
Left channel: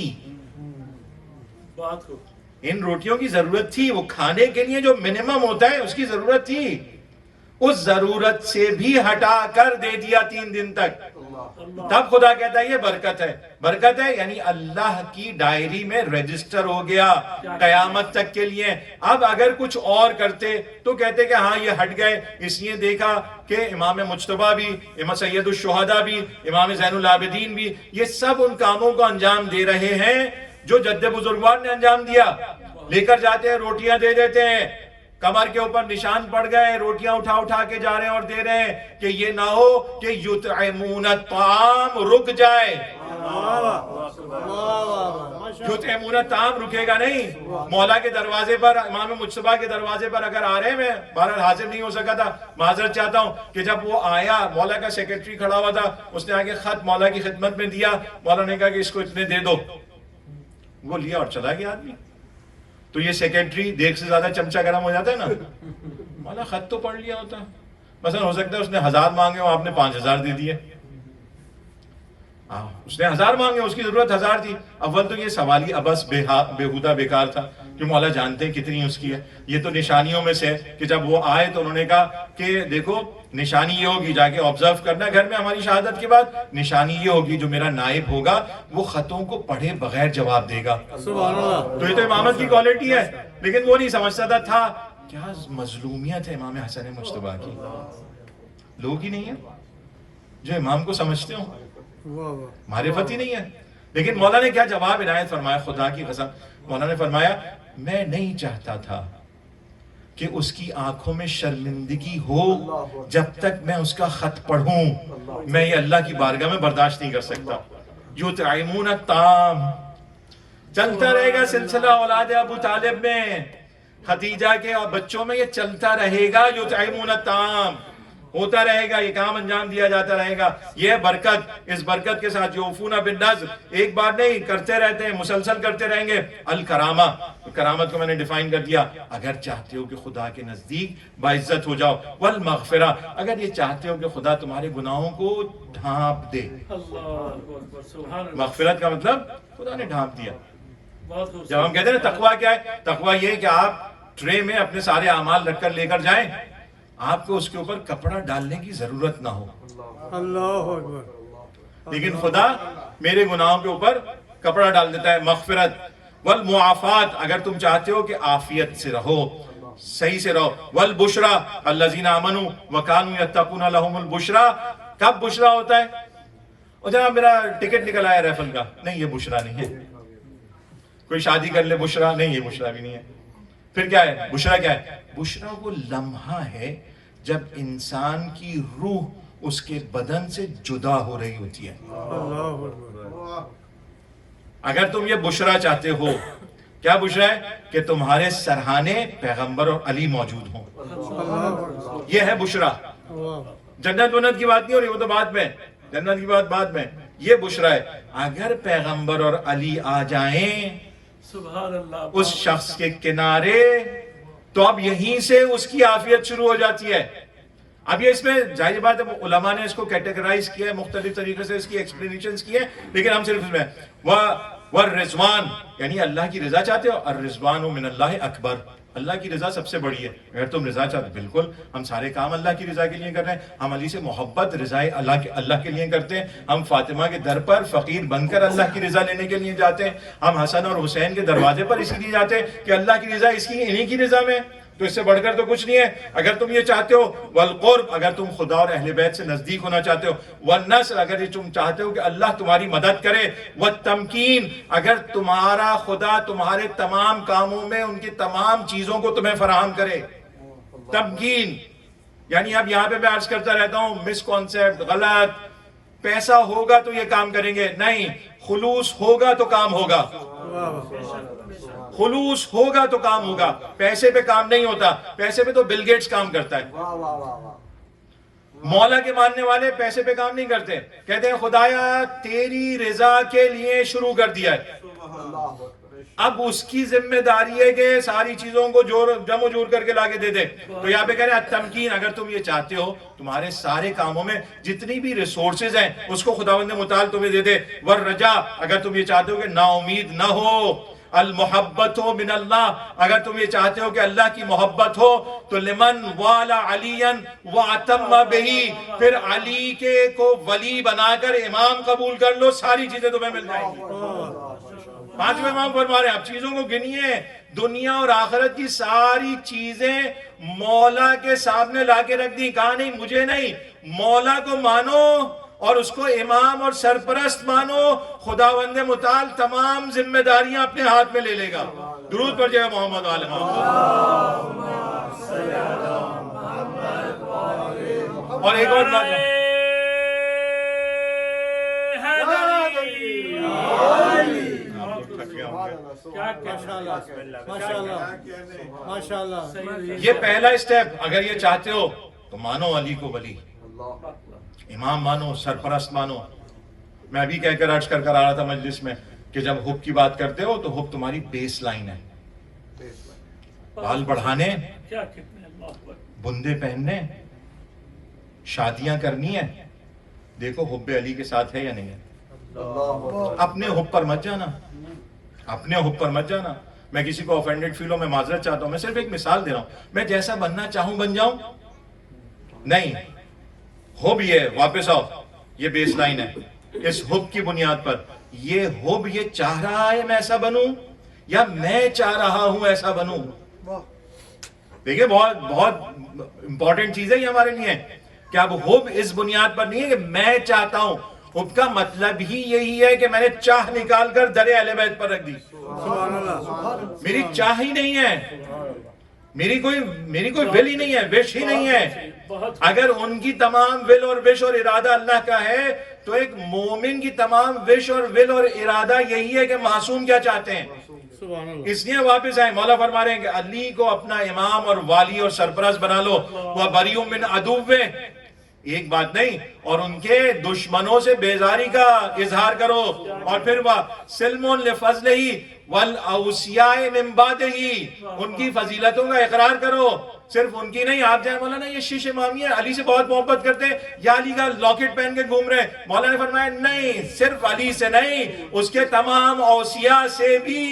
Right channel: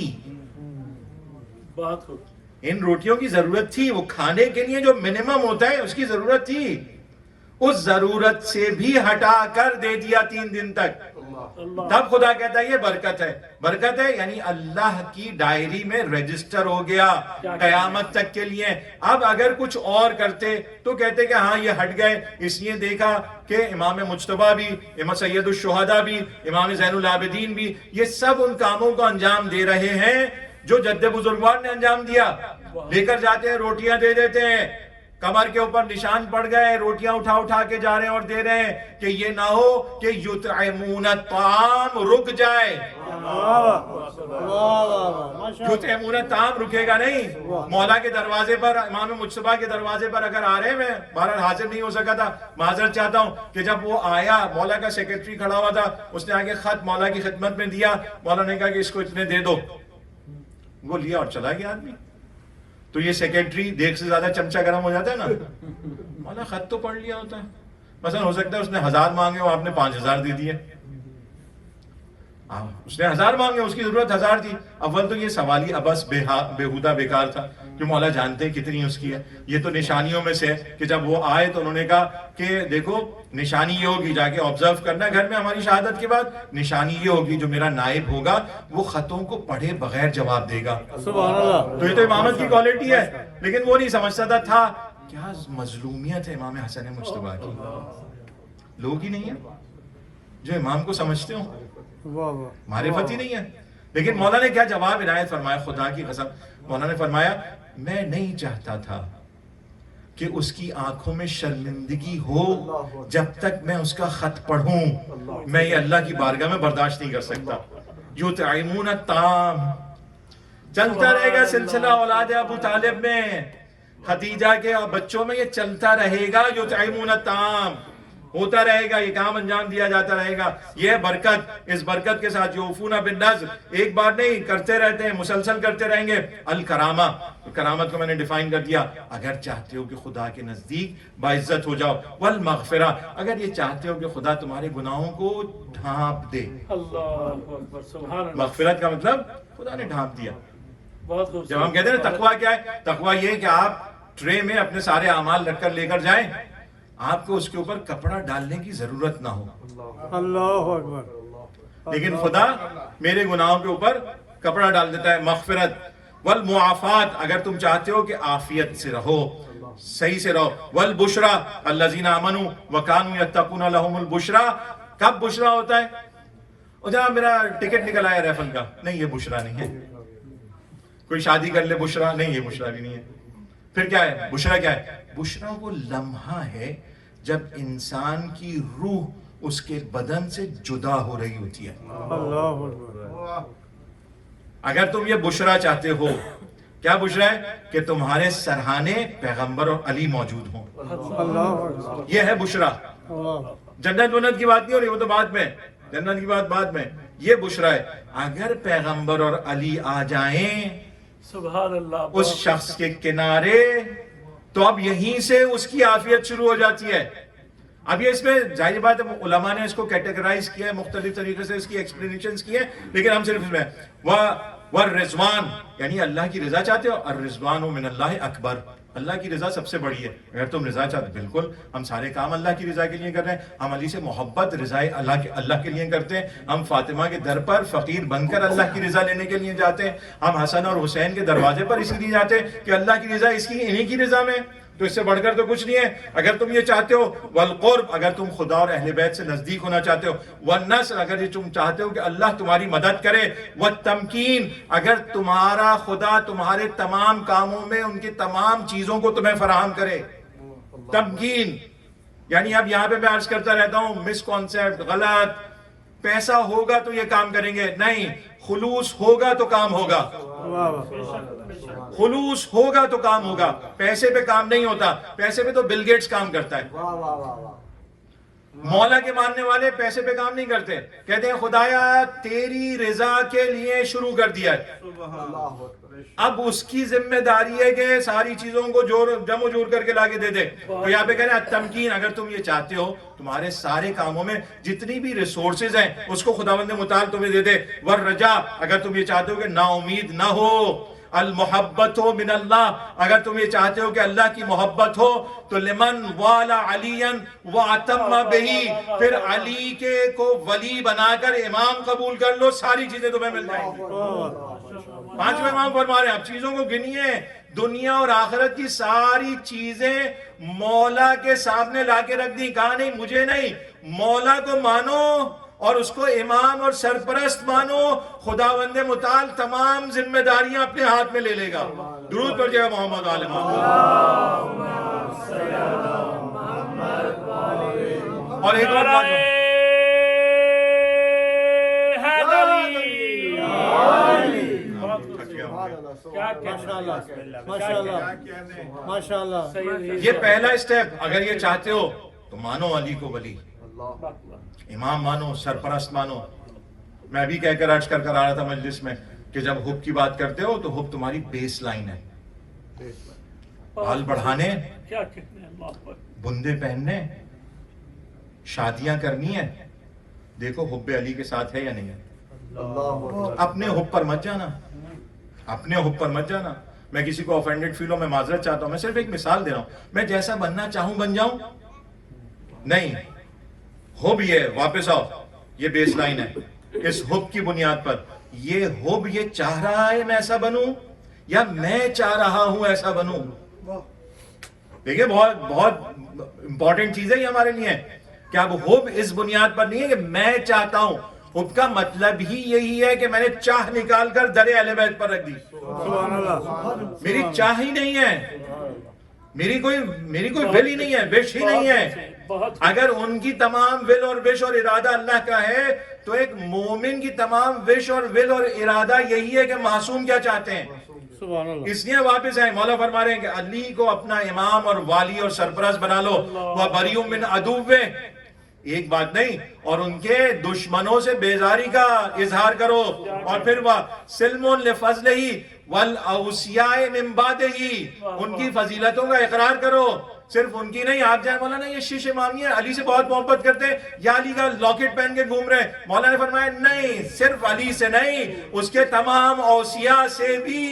ان روٹیوں کی ضرورت تھی, وہ کھانے کے لیے جو منیمم ہوتا ہے اس کی ضرورت تھی. اس ضرورت سے بھی ہٹا کر دے دیا 3 دن تک. تب خدا کہتا ہے یہ برکت ہے. برکت ہے یعنی اللہ کی ڈائری میں رجسٹر ہو گیا قیامت تک کے لیے. اب اگر کچھ اور کرتے تو کہتے کہ ہاں یہ ہٹ گئے. اس لیے دیکھا کہ امام مجتبیٰ بھی, امام سید الشہداء بھی, امام زین العابدین بھی, یہ سب ان کاموں کو انجام دے رہے ہیں جو جد بزرگوار نے انجام دیا. لے کر جاتے ہیں, روٹیاں دے دیتے ہیں, کمر کے اوپر نشان پڑ گئے, روٹیاں اٹھا اٹھا کے جا رہے ہیں اور دے رہے ہیں, کہ یہ نہ ہو کہ یطعمون الطعام رک جائے. یطعمون الطعام رکے گا نہیں. مولا کے دروازے پر, امام مجتبیٰ کے دروازے پر اگر آ رہے ہیں, میں بہرحال حاضر نہیں ہو سکا تھا, معذرت چاہتا ہوں, کہ جب وہ آیا, مولا کا سیکرٹری کھڑا ہوا تھا, اس نے آگے خط مولا کی خدمت میں دیا, مولا نے کہا کہ اس کو اتنے دے دو, وہ لیا اور چلا گیا آدمی. تو یہ سیکرٹری دیکھ سے زیادہ چمچہ گرم ہو جاتا ہے نا, مولا خط تو پڑھ لیا ہوتا ہے, مثلا ہو سکتا ہے اس نے 1000 مانگے اور آپ نے 5000 دے دیے. اس نے 1000 مانگے, اس کی ضرورت 1000 تھی. اول تو یہ سوالی ابس بےہودہ بیکار تھا, کہ مولا جانتے ہیں کتنی اس کی ہے. یہ تو نشانیوں میں سے, کہ جب وہ آئے تو انہوں نے کہا کہ دیکھو نشانی یہ ہوگی, جا کے آبزرو کرنا گھر میں ہماری شہادت کے بعد, نشانی یہ ہوگی جو میرا نائب ہوگا وہ خطوں کو پڑھے بغیر جواب دے گا. سبحان اللہ. تو یہ تو امامت کی کوالٹی ہے, لیکن وہ نہیں سمجھتا تھا کیا مظلومیت ہے امام حسن مجتبیٰ کی. لوگ ہی نہیں ہیں جو امام کو سمجھتے ہوں, معرفت ہی نہیں ہے. لیکن مولا نے کیا جواب عنایت فرمایا, خدا کی قسم, مولا نے فرمایا میں نہیں چاہتا تھا کہ اس کی آنکھوں میں شرمندگی ہو جب تک میں اس کا خط پڑھوں. میں یہ اللہ کی بارگاہ میں برداشت نہیں کر سکتا. یطعمون الطعام چلتا رہے گا سلسلہ اولاد ابو طالب میں, خدیجہ کے بچوں میں یہ چلتا رہے گا. یطعمون الطعام ہوتا رہے گا, یہ کام انجام دیا جاتا رہے گا. یہ برکت, اس برکت کے ساتھ یوفون بالنذر, ایک بار نہیں کرتے رہتے ہیں, مسلسل کرتے رہیں گے. الکرامہ, کرامت کو میں نے ڈیفائن کر دیا, اگر چاہتے ہو کہ خدا کے نزدیک باعزت ہو جاؤ. والمغفرہ, اگر یہ چاہتے ہو کہ خدا تمہارے گناہوں کو ڈھانپ دے. مغفرت کا مطلب خدا نے ڈھانپ دیا. جب ہم کہتے ہیں نا تقویٰ کیا ہے, تقویٰ یہ کہ آپ ٹرے میں اپنے سارے اعمال رکھ کر لے کر جائیں, آپ کو اس کے اوپر کپڑا ڈالنے کی ضرورت نہ ہو. اللہ اکبر. لیکن خدا میرے گناہوں کے اوپر کپڑا ڈال دیتا ہے. مغفرت. والمعافات, اگر تم چاہتے ہو کہ عافیت سے رہو, صحیح سے رہو. والبشرا الذین آمنوا وکانوا یتقون لهم البشرا. کب بشرا ہوتا ہے؟ اور جناب میرا ٹکٹ نکل آیا ریفل کا, نہیں یہ بشرا نہیں ہے. کوئی شادی کر لے, بشرا نہیں, یہ بشرا بھی نہیں ہے. پھر کیا ہے بشرا؟ کیا ہے بشرا؟ وہ لمحہ ہے جب انسان کی روح اس کے بدن سے جدا ہو رہی ہوتی ہے. اللہ اکبر. اگر تم یہ بشرا چاہتے ہو, کیا بشرا ہے؟ کہ تمہارے سرہانے پیغمبر اور علی موجود ہوں. یہ ہے بشرا. جنت ونت کی بات نہیں ہو رہی, وہ تو بعد میں, جنت کی بات بعد میں. یہ بشرا ہے. اگر پیغمبر اور علی آ جائیں سبحان اللہ, اس شخص کے کنارے, تو اب یہیں سے اس کی عافیت شروع ہو جاتی ہے. اب یہ اس میں ظاہر بات ہے علماء نے اس کو کیٹیگرائز کیا ہے, مختلف طریقے سے اس کی ایکسپلینیشنز کی ہے, لیکن ہم صرف اس میں والرضوان, یعنی اللہ کی رضا چاہتے ہو. الرضوان من اللہ اکبر, اللہ کی رضا سب سے بڑی ہے. اگر تم رضا چاہتے, بالکل ہم سارے کام اللہ کی رضا کے لیے کر رہے ہیں. ہم علی سے محبت رضا اللہ کے لیے کرتے ہیں. ہم فاطمہ کے در پر فقیر بن کر اللہ کی رضا لینے کے لیے جاتے ہیں. ہم حسن اور حسین کے دروازے پر اسی لیے جاتے ہیں کہ اللہ کی رضا اس کی انہی کی رضا میں. تو اس سے بڑھ کر تو کچھ نہیں ہے. اگر تم یہ چاہتے ہو والقرب, اگر تم خدا اور اہل بیت سے نزدیک ہونا چاہتے ہو. والنصر, اگر یہ تم چاہتے ہو کہ اللہ تمہاری مدد کرے. والتمکین, اگر تمہارا خدا تمہارے تمام کاموں میں ان کی تمام چیزوں کو تمہیں فراہم کرے. تمکین یعنی اب یہاں پہ میں عرض کرتا رہتا ہوں, مس کانسیپٹ, غلط. پیسہ ہوگا تو یہ کام کریں گے, نہیں. خلوص ہوگا تو کام ہوگا. خلوص ہوگا تو کام ہوگا. پیسے پہ کام نہیں ہوتا. پیسے پہ تو بل گیٹس کام کرتا ہے. مولا کے ماننے والے پیسے پہ کام نہیں کرتے. کہتے ہیں خدایا تیری رضا کے لیے شروع کر دیا ہے, اب اس کی ذمہ داری ہے کہ ساری چیزوں کو جمع جور کر کے لا کے دے دے. تو یہاں پہ کہہ رہے ہیں تمکین, اگر تم یہ چاہتے ہو تمہارے سارے کاموں میں جتنی بھی ریسورسز ہیں اس کو خداوند متعال تمہیں دے دے. والرجا, اگر تم یہ چاہتے ہو کہ نا امید نہ ہو. المحبت ہو من اللہ, اگر تم یہ چاہتے ہو کہ اللہ کی محبت ہو تو لمن والا علی واتم بہی, پھر علی کے کو ولی بنا کر امام قبول کر لو, ساری چیزیں تمہیں مل جائیں گی. 5ویں امام فرما رہے ہیں, آپ چیزوں کو گنیے. دنیا اور آخرت کی ساری چیزیں مولا کے سامنے لا کے رکھ دی. کہا نہیں مجھے نہیں, مولا کو مانو اور اس کو امام اور سرپرست مانو. خداوند متعال تمام ذمہ داریاں اپنے ہاتھ میں لے لے گا. درود پر جائے محمد علیہ محمد. اور ایک اور بات تھک گیا ہوں گا۔ ماشاءاللہ یہ پہلا اسٹیپ، اگر یہ چاہتے ہو تو مانو علی کو ولی، امام مانو، سرپرست مانو۔ میں ابھی کہہ کر عرض کر آ رہا تھا مجلس میں کہ جب حب کی بات کرتے ہو تو حب تمہاری بیس لائن ہے، بال بڑھانے، بندے پہننے، شادیاں کرنی ہے، دیکھو حب علی کے ساتھ ہے یا نہیں ہے۔ اپنے حب پر مت جانا، اپنے حب پر مت جانا۔ میں کسی کو آفینڈڈ فیل ہو، میں معذرت چاہتا ہوں، میں صرف ایک مثال دے رہا ہوں۔ میں جیسا بننا چاہوں بن جاؤں؟ نہیں، حب یہ واپس آؤ، یہ بیس لائن ہے۔ اس حب کی بنیاد پر یہ حب یہ چاہ رہا ہے میں ایسا بنوں یا میں چاہ رہا ہوں ایسا بنوں؟ دیکھیں بہت بہت امپورٹنٹ چیز ہے یہ ہمارے لیے کہ اب حب اس بنیاد پر نہیں ہے کہ میں چاہتا ہوں، حب کا مطلب ہی یہی ہے کہ میں نے چاہ نکال کر در اہل بیت پر رکھ دی۔ میری چاہ ہی نہیں ہے، میری کوئی ول ہی نہیں ہے، وش ہی نہیں ہے۔ اگر ان کی تمام ول اور وش اور ارادہ اللہ کا ہے تو ایک مومن کی تمام وش اور ول اور ارادہ یہی ہے کہ معصوم کیا چاہتے ہیں۔ سبحان اللہ اس لیے واپس آئے، مولا فرما رہے ہیں کہ علی کو اپنا امام اور والی اور سرپرست بنا لو، وہ بریء من عدوہ، ایک بات نہیں، اور ان کے دشمنوں سے بیزاری کا اظہار کرو، اور پھر وہ سلم لفضلہ والاوصیاء من بعدہ، ان کی فضیلتوں کا اقرار کرو، صرف ان کی نہیں۔ آپ جائیں مولانا یہ شیش امامی ہے، علی سے بہت محبت کرتے ہیں، یا علی کا لاکٹ پہن کے گھوم رہے ہیں۔ مولانا نے فرمایا نہیں، صرف علی سے نہیں، اس کے تمام اوصیاء سے بھی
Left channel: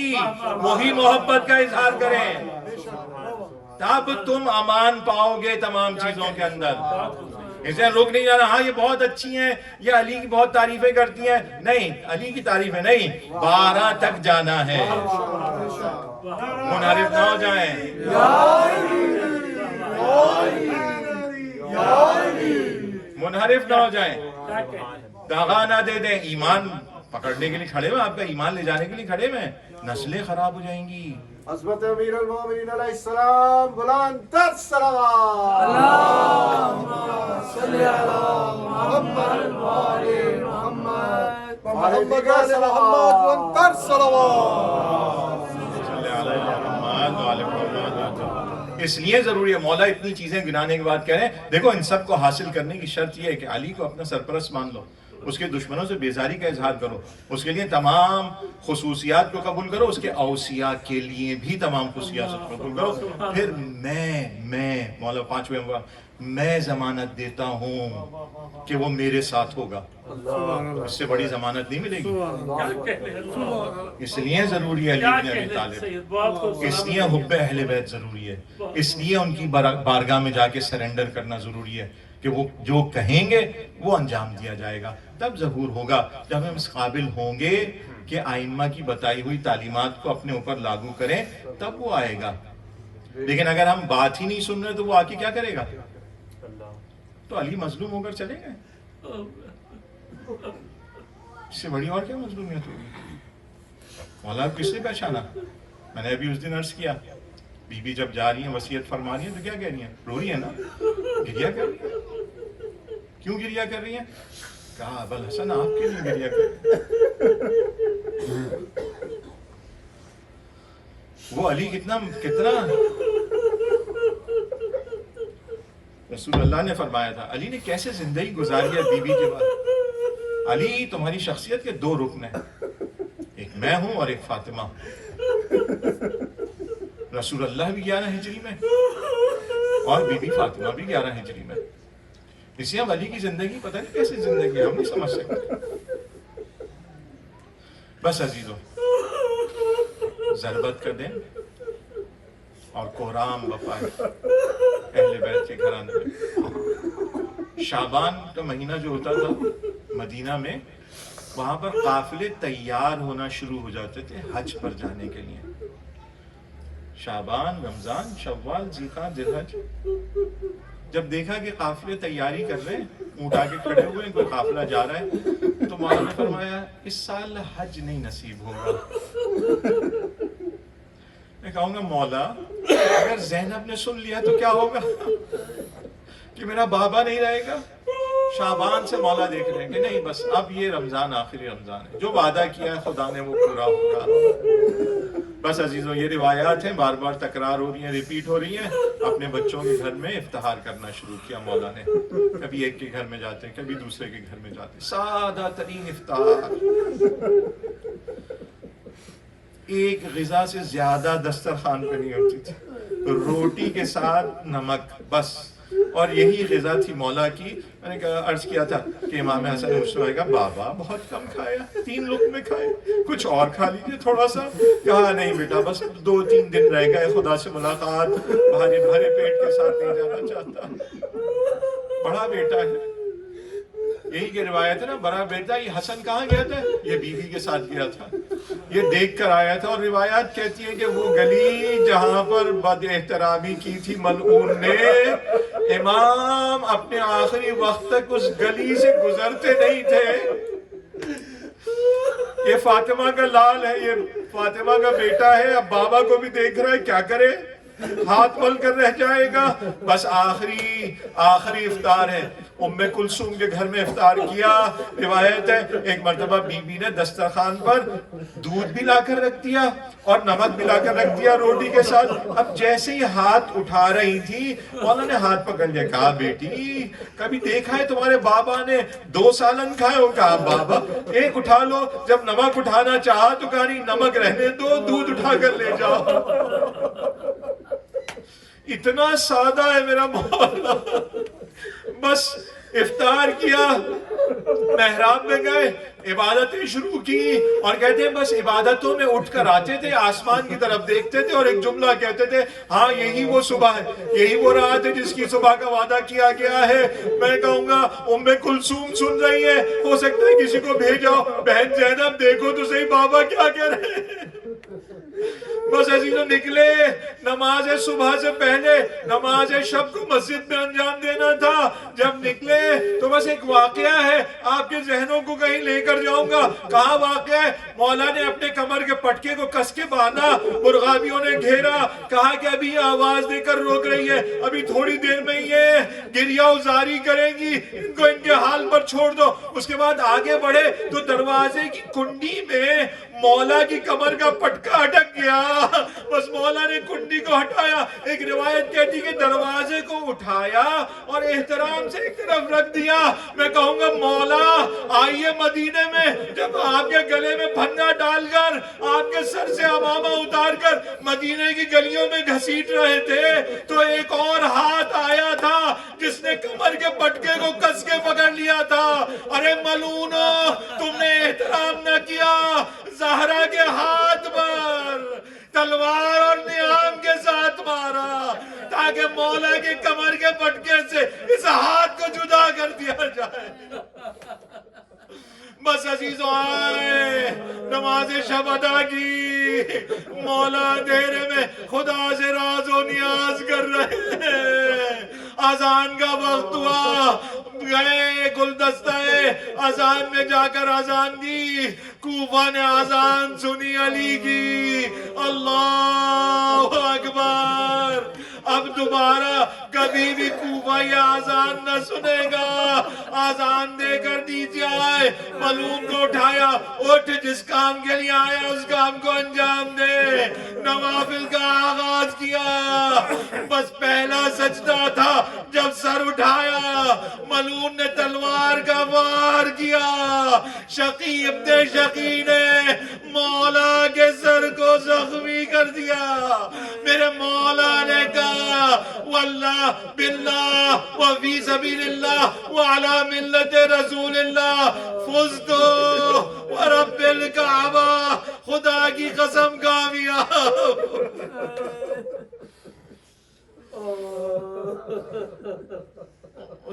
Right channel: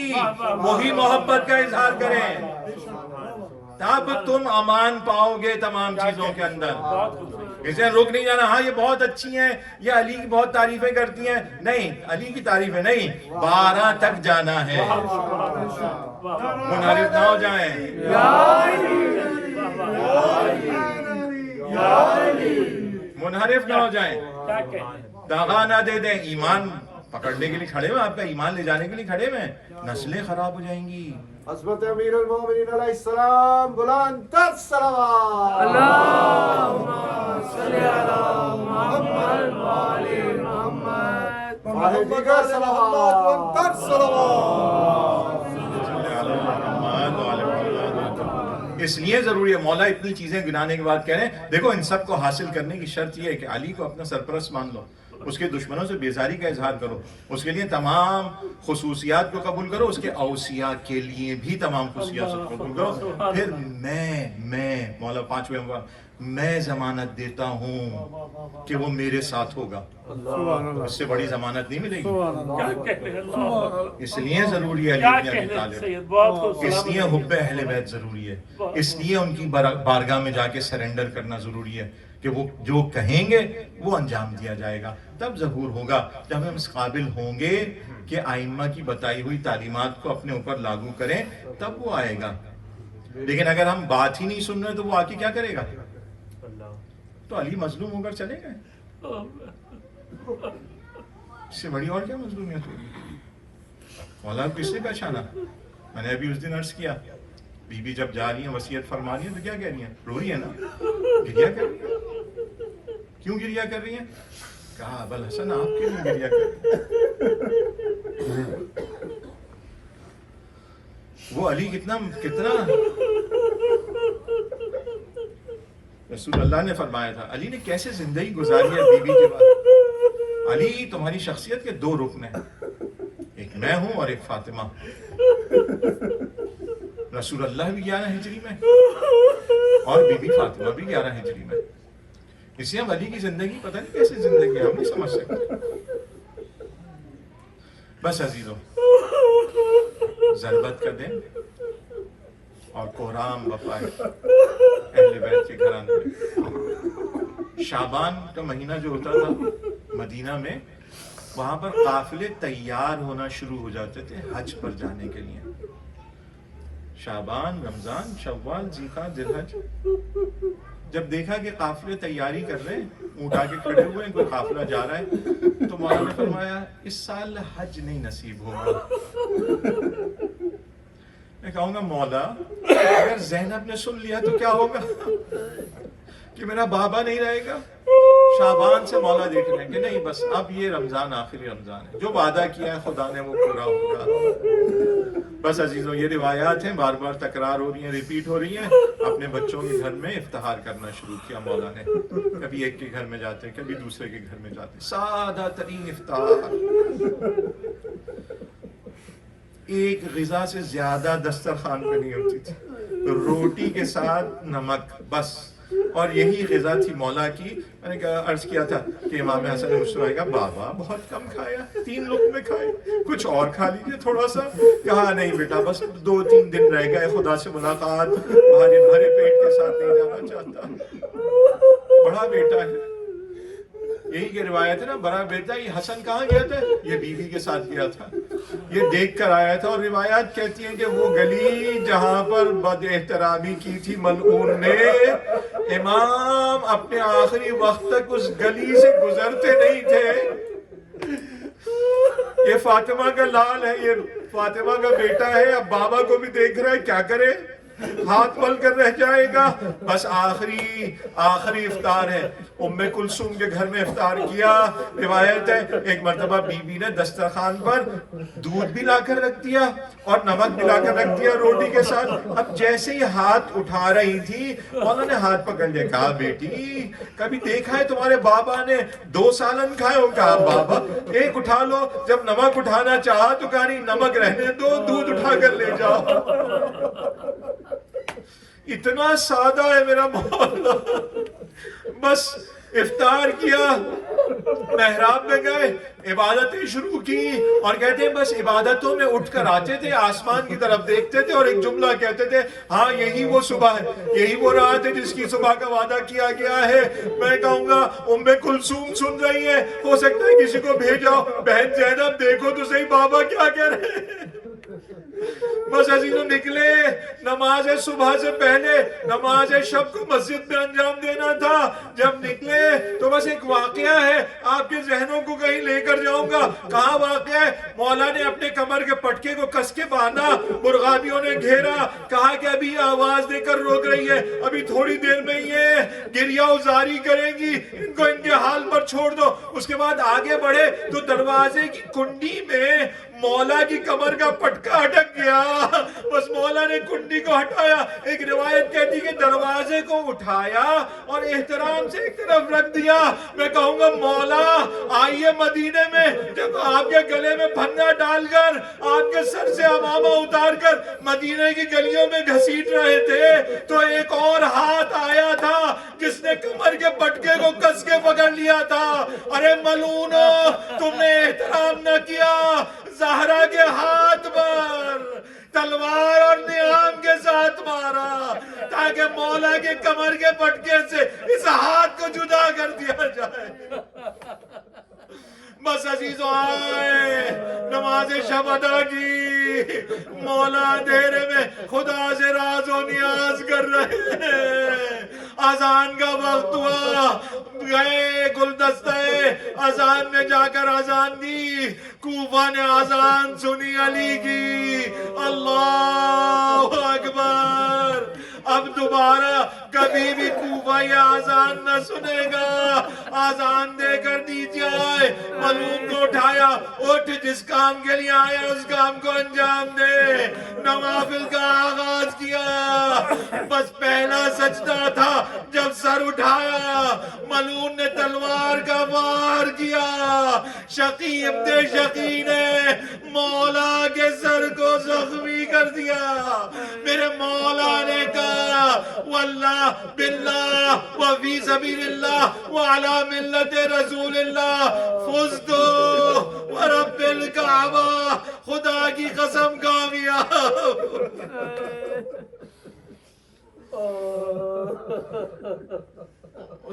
وہی محبت کا اظہار کریں، تب تم امان پاؤ گے تمام چیزوں کے اندر۔ اسے رک نہیں جانا، ہاں یہ بہت اچھی ہیں، یہ علی کی بہت تعریفیں کرتی ہیں، نہیں، علی کی تعریفیں نہیں، 12 تک جانا ہے، منحرف نہ ہو جائیں۔ منحرف نہ ہو جائیں، دغا نہ دے دیں، ایمان پکڑنے کے لیے کھڑے ہوئے، آپ کا ایمان لے جانے کے لیے کھڑے ہوئے، نسلیں خراب ہو جائیں گی۔ حضرت امیر المومنین علیہ السلام بلند تر صلوات، اللہم صلی علی محمد و آل محمد، محمد بلند تر صلوات۔ صلی علی محمد و آل محمد۔ اس لیے ضروری ہے، مولا اتنی چیزیں گنانے کے بعد کہہ رہے ہیں دیکھو ان سب کو حاصل کرنے کی شرط یہ ہے کہ علی کو اپنا سرپرست مان لو، اس کے دشمنوں سے بیزاری کا اظہار کرو، اس کے لیے تمام خصوصیات کو قبول کرو، اس کے اوصیاء کے لیے بھی تمام خصوصیات کو قبول کرو، پھر میں مولا پانچویں میں ضمانت دیتا ہوں کہ وہ میرے ساتھ ہوگا، اس سے بڑی ضمانت نہیں ملے گی۔ اس لیے ضروری ہے علی بن ابی طالب، اس لیے حب اہل بیت ضروری ہے، اس لیے ان کی بارگاہ میں جا کے سرنڈر کرنا ضروری ہے کہ وہ جو کہیں گے وہ انجام دیا جائے گا۔ تب ظہور ہوگا جب ہم اس قابل ہوں گے کہ آئمہ کی بتائی ہوئی تعلیمات کو اپنے اوپر لاگو کریں، تب وہ آئے گا۔ لیکن اگر ہم بات ہی نہیں سن رہے تو وہ آ کے کیا کرے گا؟ تو علی مظلوم ہو کر چلے گئے، اس سے بڑی اور کیا مظلومیت ہوگی؟ مولا کو کس نے پہچانا؟ میں نے ابھی اس دن عرض کیا، بی بی جب جا رہی ہیں وصیت فرما رہی ہیں تو کیا کہہ رہی ہیں؟ رو رہی ہیں نا، گریا کر رہی ہیں۔ کیوں گریا کر رہی ہیں؟ کہا ابوالحسن آپ کے لیے گریا کر رہی ہیں۔ وہ علی کتنا رسول اللہ نے فرمایا تھا، علی نے کیسے زندگی گزاری ہے بیوی کے بعد۔ علی تمہاری شخصیت کے 2 رکن ہیں، ایک میں ہوں اور ایک فاطمہ۔ رسول اللہ بھی 11 ہجری میں اور بی بی فاطمہ بھی 11 ہجری میں۔ اس لیے ہم علی کی زندگی پتہ نہیں کیسے زندگی ہے، ہم نہیں سمجھ سکتے۔ بس عزیزو، ضربت کا دن اور کوہرام بپائے اہل بیت کے گھرانے میں۔ شعبان کا مہینہ جو ہوتا تھا مدینہ میں، وہاں پر قافلے تیار ہونا شروع ہو جاتے تھے حج پر جانے کے لیے۔ شعبان، رمضان، شوال، ذوالقعدہ، ذوالحج۔ جب دیکھا کہ قافلے تیاری کر رہے ہیں، اونٹ آگے کھڑے ہوئے ہیں، کوئی قافلہ جا رہا ہے، تو مولانا نے فرمایا اس سال حج نہیں نصیب ہوگا۔ میں کہوں گا مولا اگر زینب نے سن لیا تو کیا ہوگا؟ کہ میرا بابا نہیں رہے گا. شعبان سے مولا دیکھ رہے ہیں کہ نہیں بس اب یہ رمضان آخری رمضان ہے, جو وعدہ کیا ہے خدا نے وہ پورا ہوگا. بس عزیزوں یہ روایات ہیں, بار بار تکرار ہو رہی ہیں, ریپیٹ ہو رہی ہیں. اپنے بچوں کے گھر میں افطار کرنا شروع کیا مولا نے. کبھی ایک کے گھر میں جاتے ہیں, کبھی دوسرے کے گھر میں جاتے ہیں, سادہ ترین افطار. ایک غذا سے زیادہ دسترخوان پہ نہیں ہوتی تھی, روٹی کے ساتھ نمک بس. اور یہی غذا تھی مولا کی. میں نے کہا عرض کیا تھا کہ امام حسن مصطفیٰ کا بابا بہت کم کھایا, 3 لقمے کھائے, کچھ اور کھا لیجیے تھوڑا سا. کہا نہیں بیٹا بس 2-3 دن رہ گئے, خدا سے ملاقات, بھرے پیٹ کے ساتھ نہیں جانا چاہتا. بڑا بیٹا ہے, یہی کہ روایت ہے نا, بڑا بیٹا. یہ حسن کہاں گیا تھا؟ یہ بیوی کے ساتھ گیا تھا, یہ دیکھ کر آیا تھا. اور روایات کہتی ہیں کہ وہ گلی جہاں پر بد احترامی کی تھی ملعون نے, امام اپنے آخری وقت تک اس گلی سے گزرتے نہیں تھے. یہ فاطمہ کا لال ہے, یہ فاطمہ کا بیٹا ہے, اب بابا کو بھی دیکھ رہا ہے, کیا کرے, ہاتھ مل کر رہ جائے گا. بس آخری افطار ہے. ام کلثوم کے گھر میں افطار کیا. روایت ہے ایک مرتبہ بی بی نے دسترخوان پر دودھ بھی لا کر رکھ دیا اور نمک بھی لا کر رکھ دیا روٹی کے ساتھ. اب جیسے ہی ہاتھ اٹھا رہی تھی, مولا نے ہاتھ پکڑ لیا. کہا بیٹی کبھی دیکھا ہے تمہارے بابا نے 2 سالن کھائے ہو؟ کہا بابا ایک اٹھا لو. جب نمک اٹھانا چاہا تو کہا نہیں نمک رہنے دو, دودھ اٹھا کر لے جاؤ. اتنا سادہ ہے میرا مولا. بس افطار کیا, محراب میں گئے, عبادتیں شروع کی. اور کہتے ہیں بس عبادتوں میں اٹھ کر آتے تھے, آسمان کی طرف دیکھتے تھے اور ایک جملہ کہتے تھے, ہاں یہی وہ صبح ہے, یہی وہ رات ہے جس کی صبح کا وعدہ کیا گیا ہے. میں کہوں گا ام کلثوم سن رہی ہے, ہو سکتا ہے کسی کو بھیجاؤ, بہن زینب دیکھو تو صحیح بابا کیا کہہ رہے ہیں. بس عزیزوں نکلے, نماز صبح سے پہلے نماز شب کو مسجد میں انجام دینا تھا. جب نکلے تو بس ایک واقعہ ہے, آپ کے ذہنوں کو کہیں لے کر جاؤں گا. کہاں واقعہ ہے؟ مولا نے اپنے کمر کے پٹکے کو کس کے باندھا, مرغابیوں نے گھیرا. کہا کہ ابھی آواز دے کر روک رہی ہے, ابھی تھوڑی دیر میں یہ گریہ ازاری کریں گی, ان کو ان کے حال پر چھوڑ دو. اس کے بعد آگے بڑھے تو دروازے کی کنڈی میں مولا کی کمر کا پٹکا اٹک گیا. بس مولا نے کنڈی کو ہٹایا. ایک روایت کہتی کہ دروازے کو اٹھایا اور احترام سے ایک طرف رکھ دیا. میں کہوں گا مولا آئیے مدینے میں, جب آپ کے گلے میں پھندا ڈال کر, آپ کے سر سے عمامہ اتار کر مدینے کی گلیوں میں گھسیٹ رہے تھے, تو ایک اور ہاتھ آیا تھا جس نے کمر کے پٹکے کو کس کے پکڑ لیا تھا. ارے ملعونو, تم نے احترام نہ کیا. زہرا کے ہاتھ پر تلوار اور نیام کے ساتھ مارا تاکہ مولا کے کمر کے پٹکے سے اس ہاتھ کو جدا کر دیا جائے. بس عزیزوں آئے, نماز شب ادا کی, مولا اندھیرے میں خدا سے راز و نیاز کر رہے ہیں. اذان کا وقت ہوا, گئے گلدستہ اذان میں جا کر اذان دی. کوفہ نے اذان سنی علی کی, اللہ اکبر. اب دوبارہ کبھی بھی کوفہ یہ اذان نہ سنے گا. اذان دے کر دی جائے, ملعون کو اٹھایا, اٹھ جس کام کے لیے آیا اس کام کو انجام دے. نوافل کا آغاز کیا. بس پہلا سجدہ تھا جب سر اٹھایا, ملعون نے تلوار کا وار کیا. شقی ابن شقی نے مولا کے سر کو زخمی کر دیا. میرے مولا نے کہا واللہ باللہ وفی سبیل اللہ وعلی ملت رسول اللہ فزتو ورب الکعبہ, خدا کی قسم کامیاب.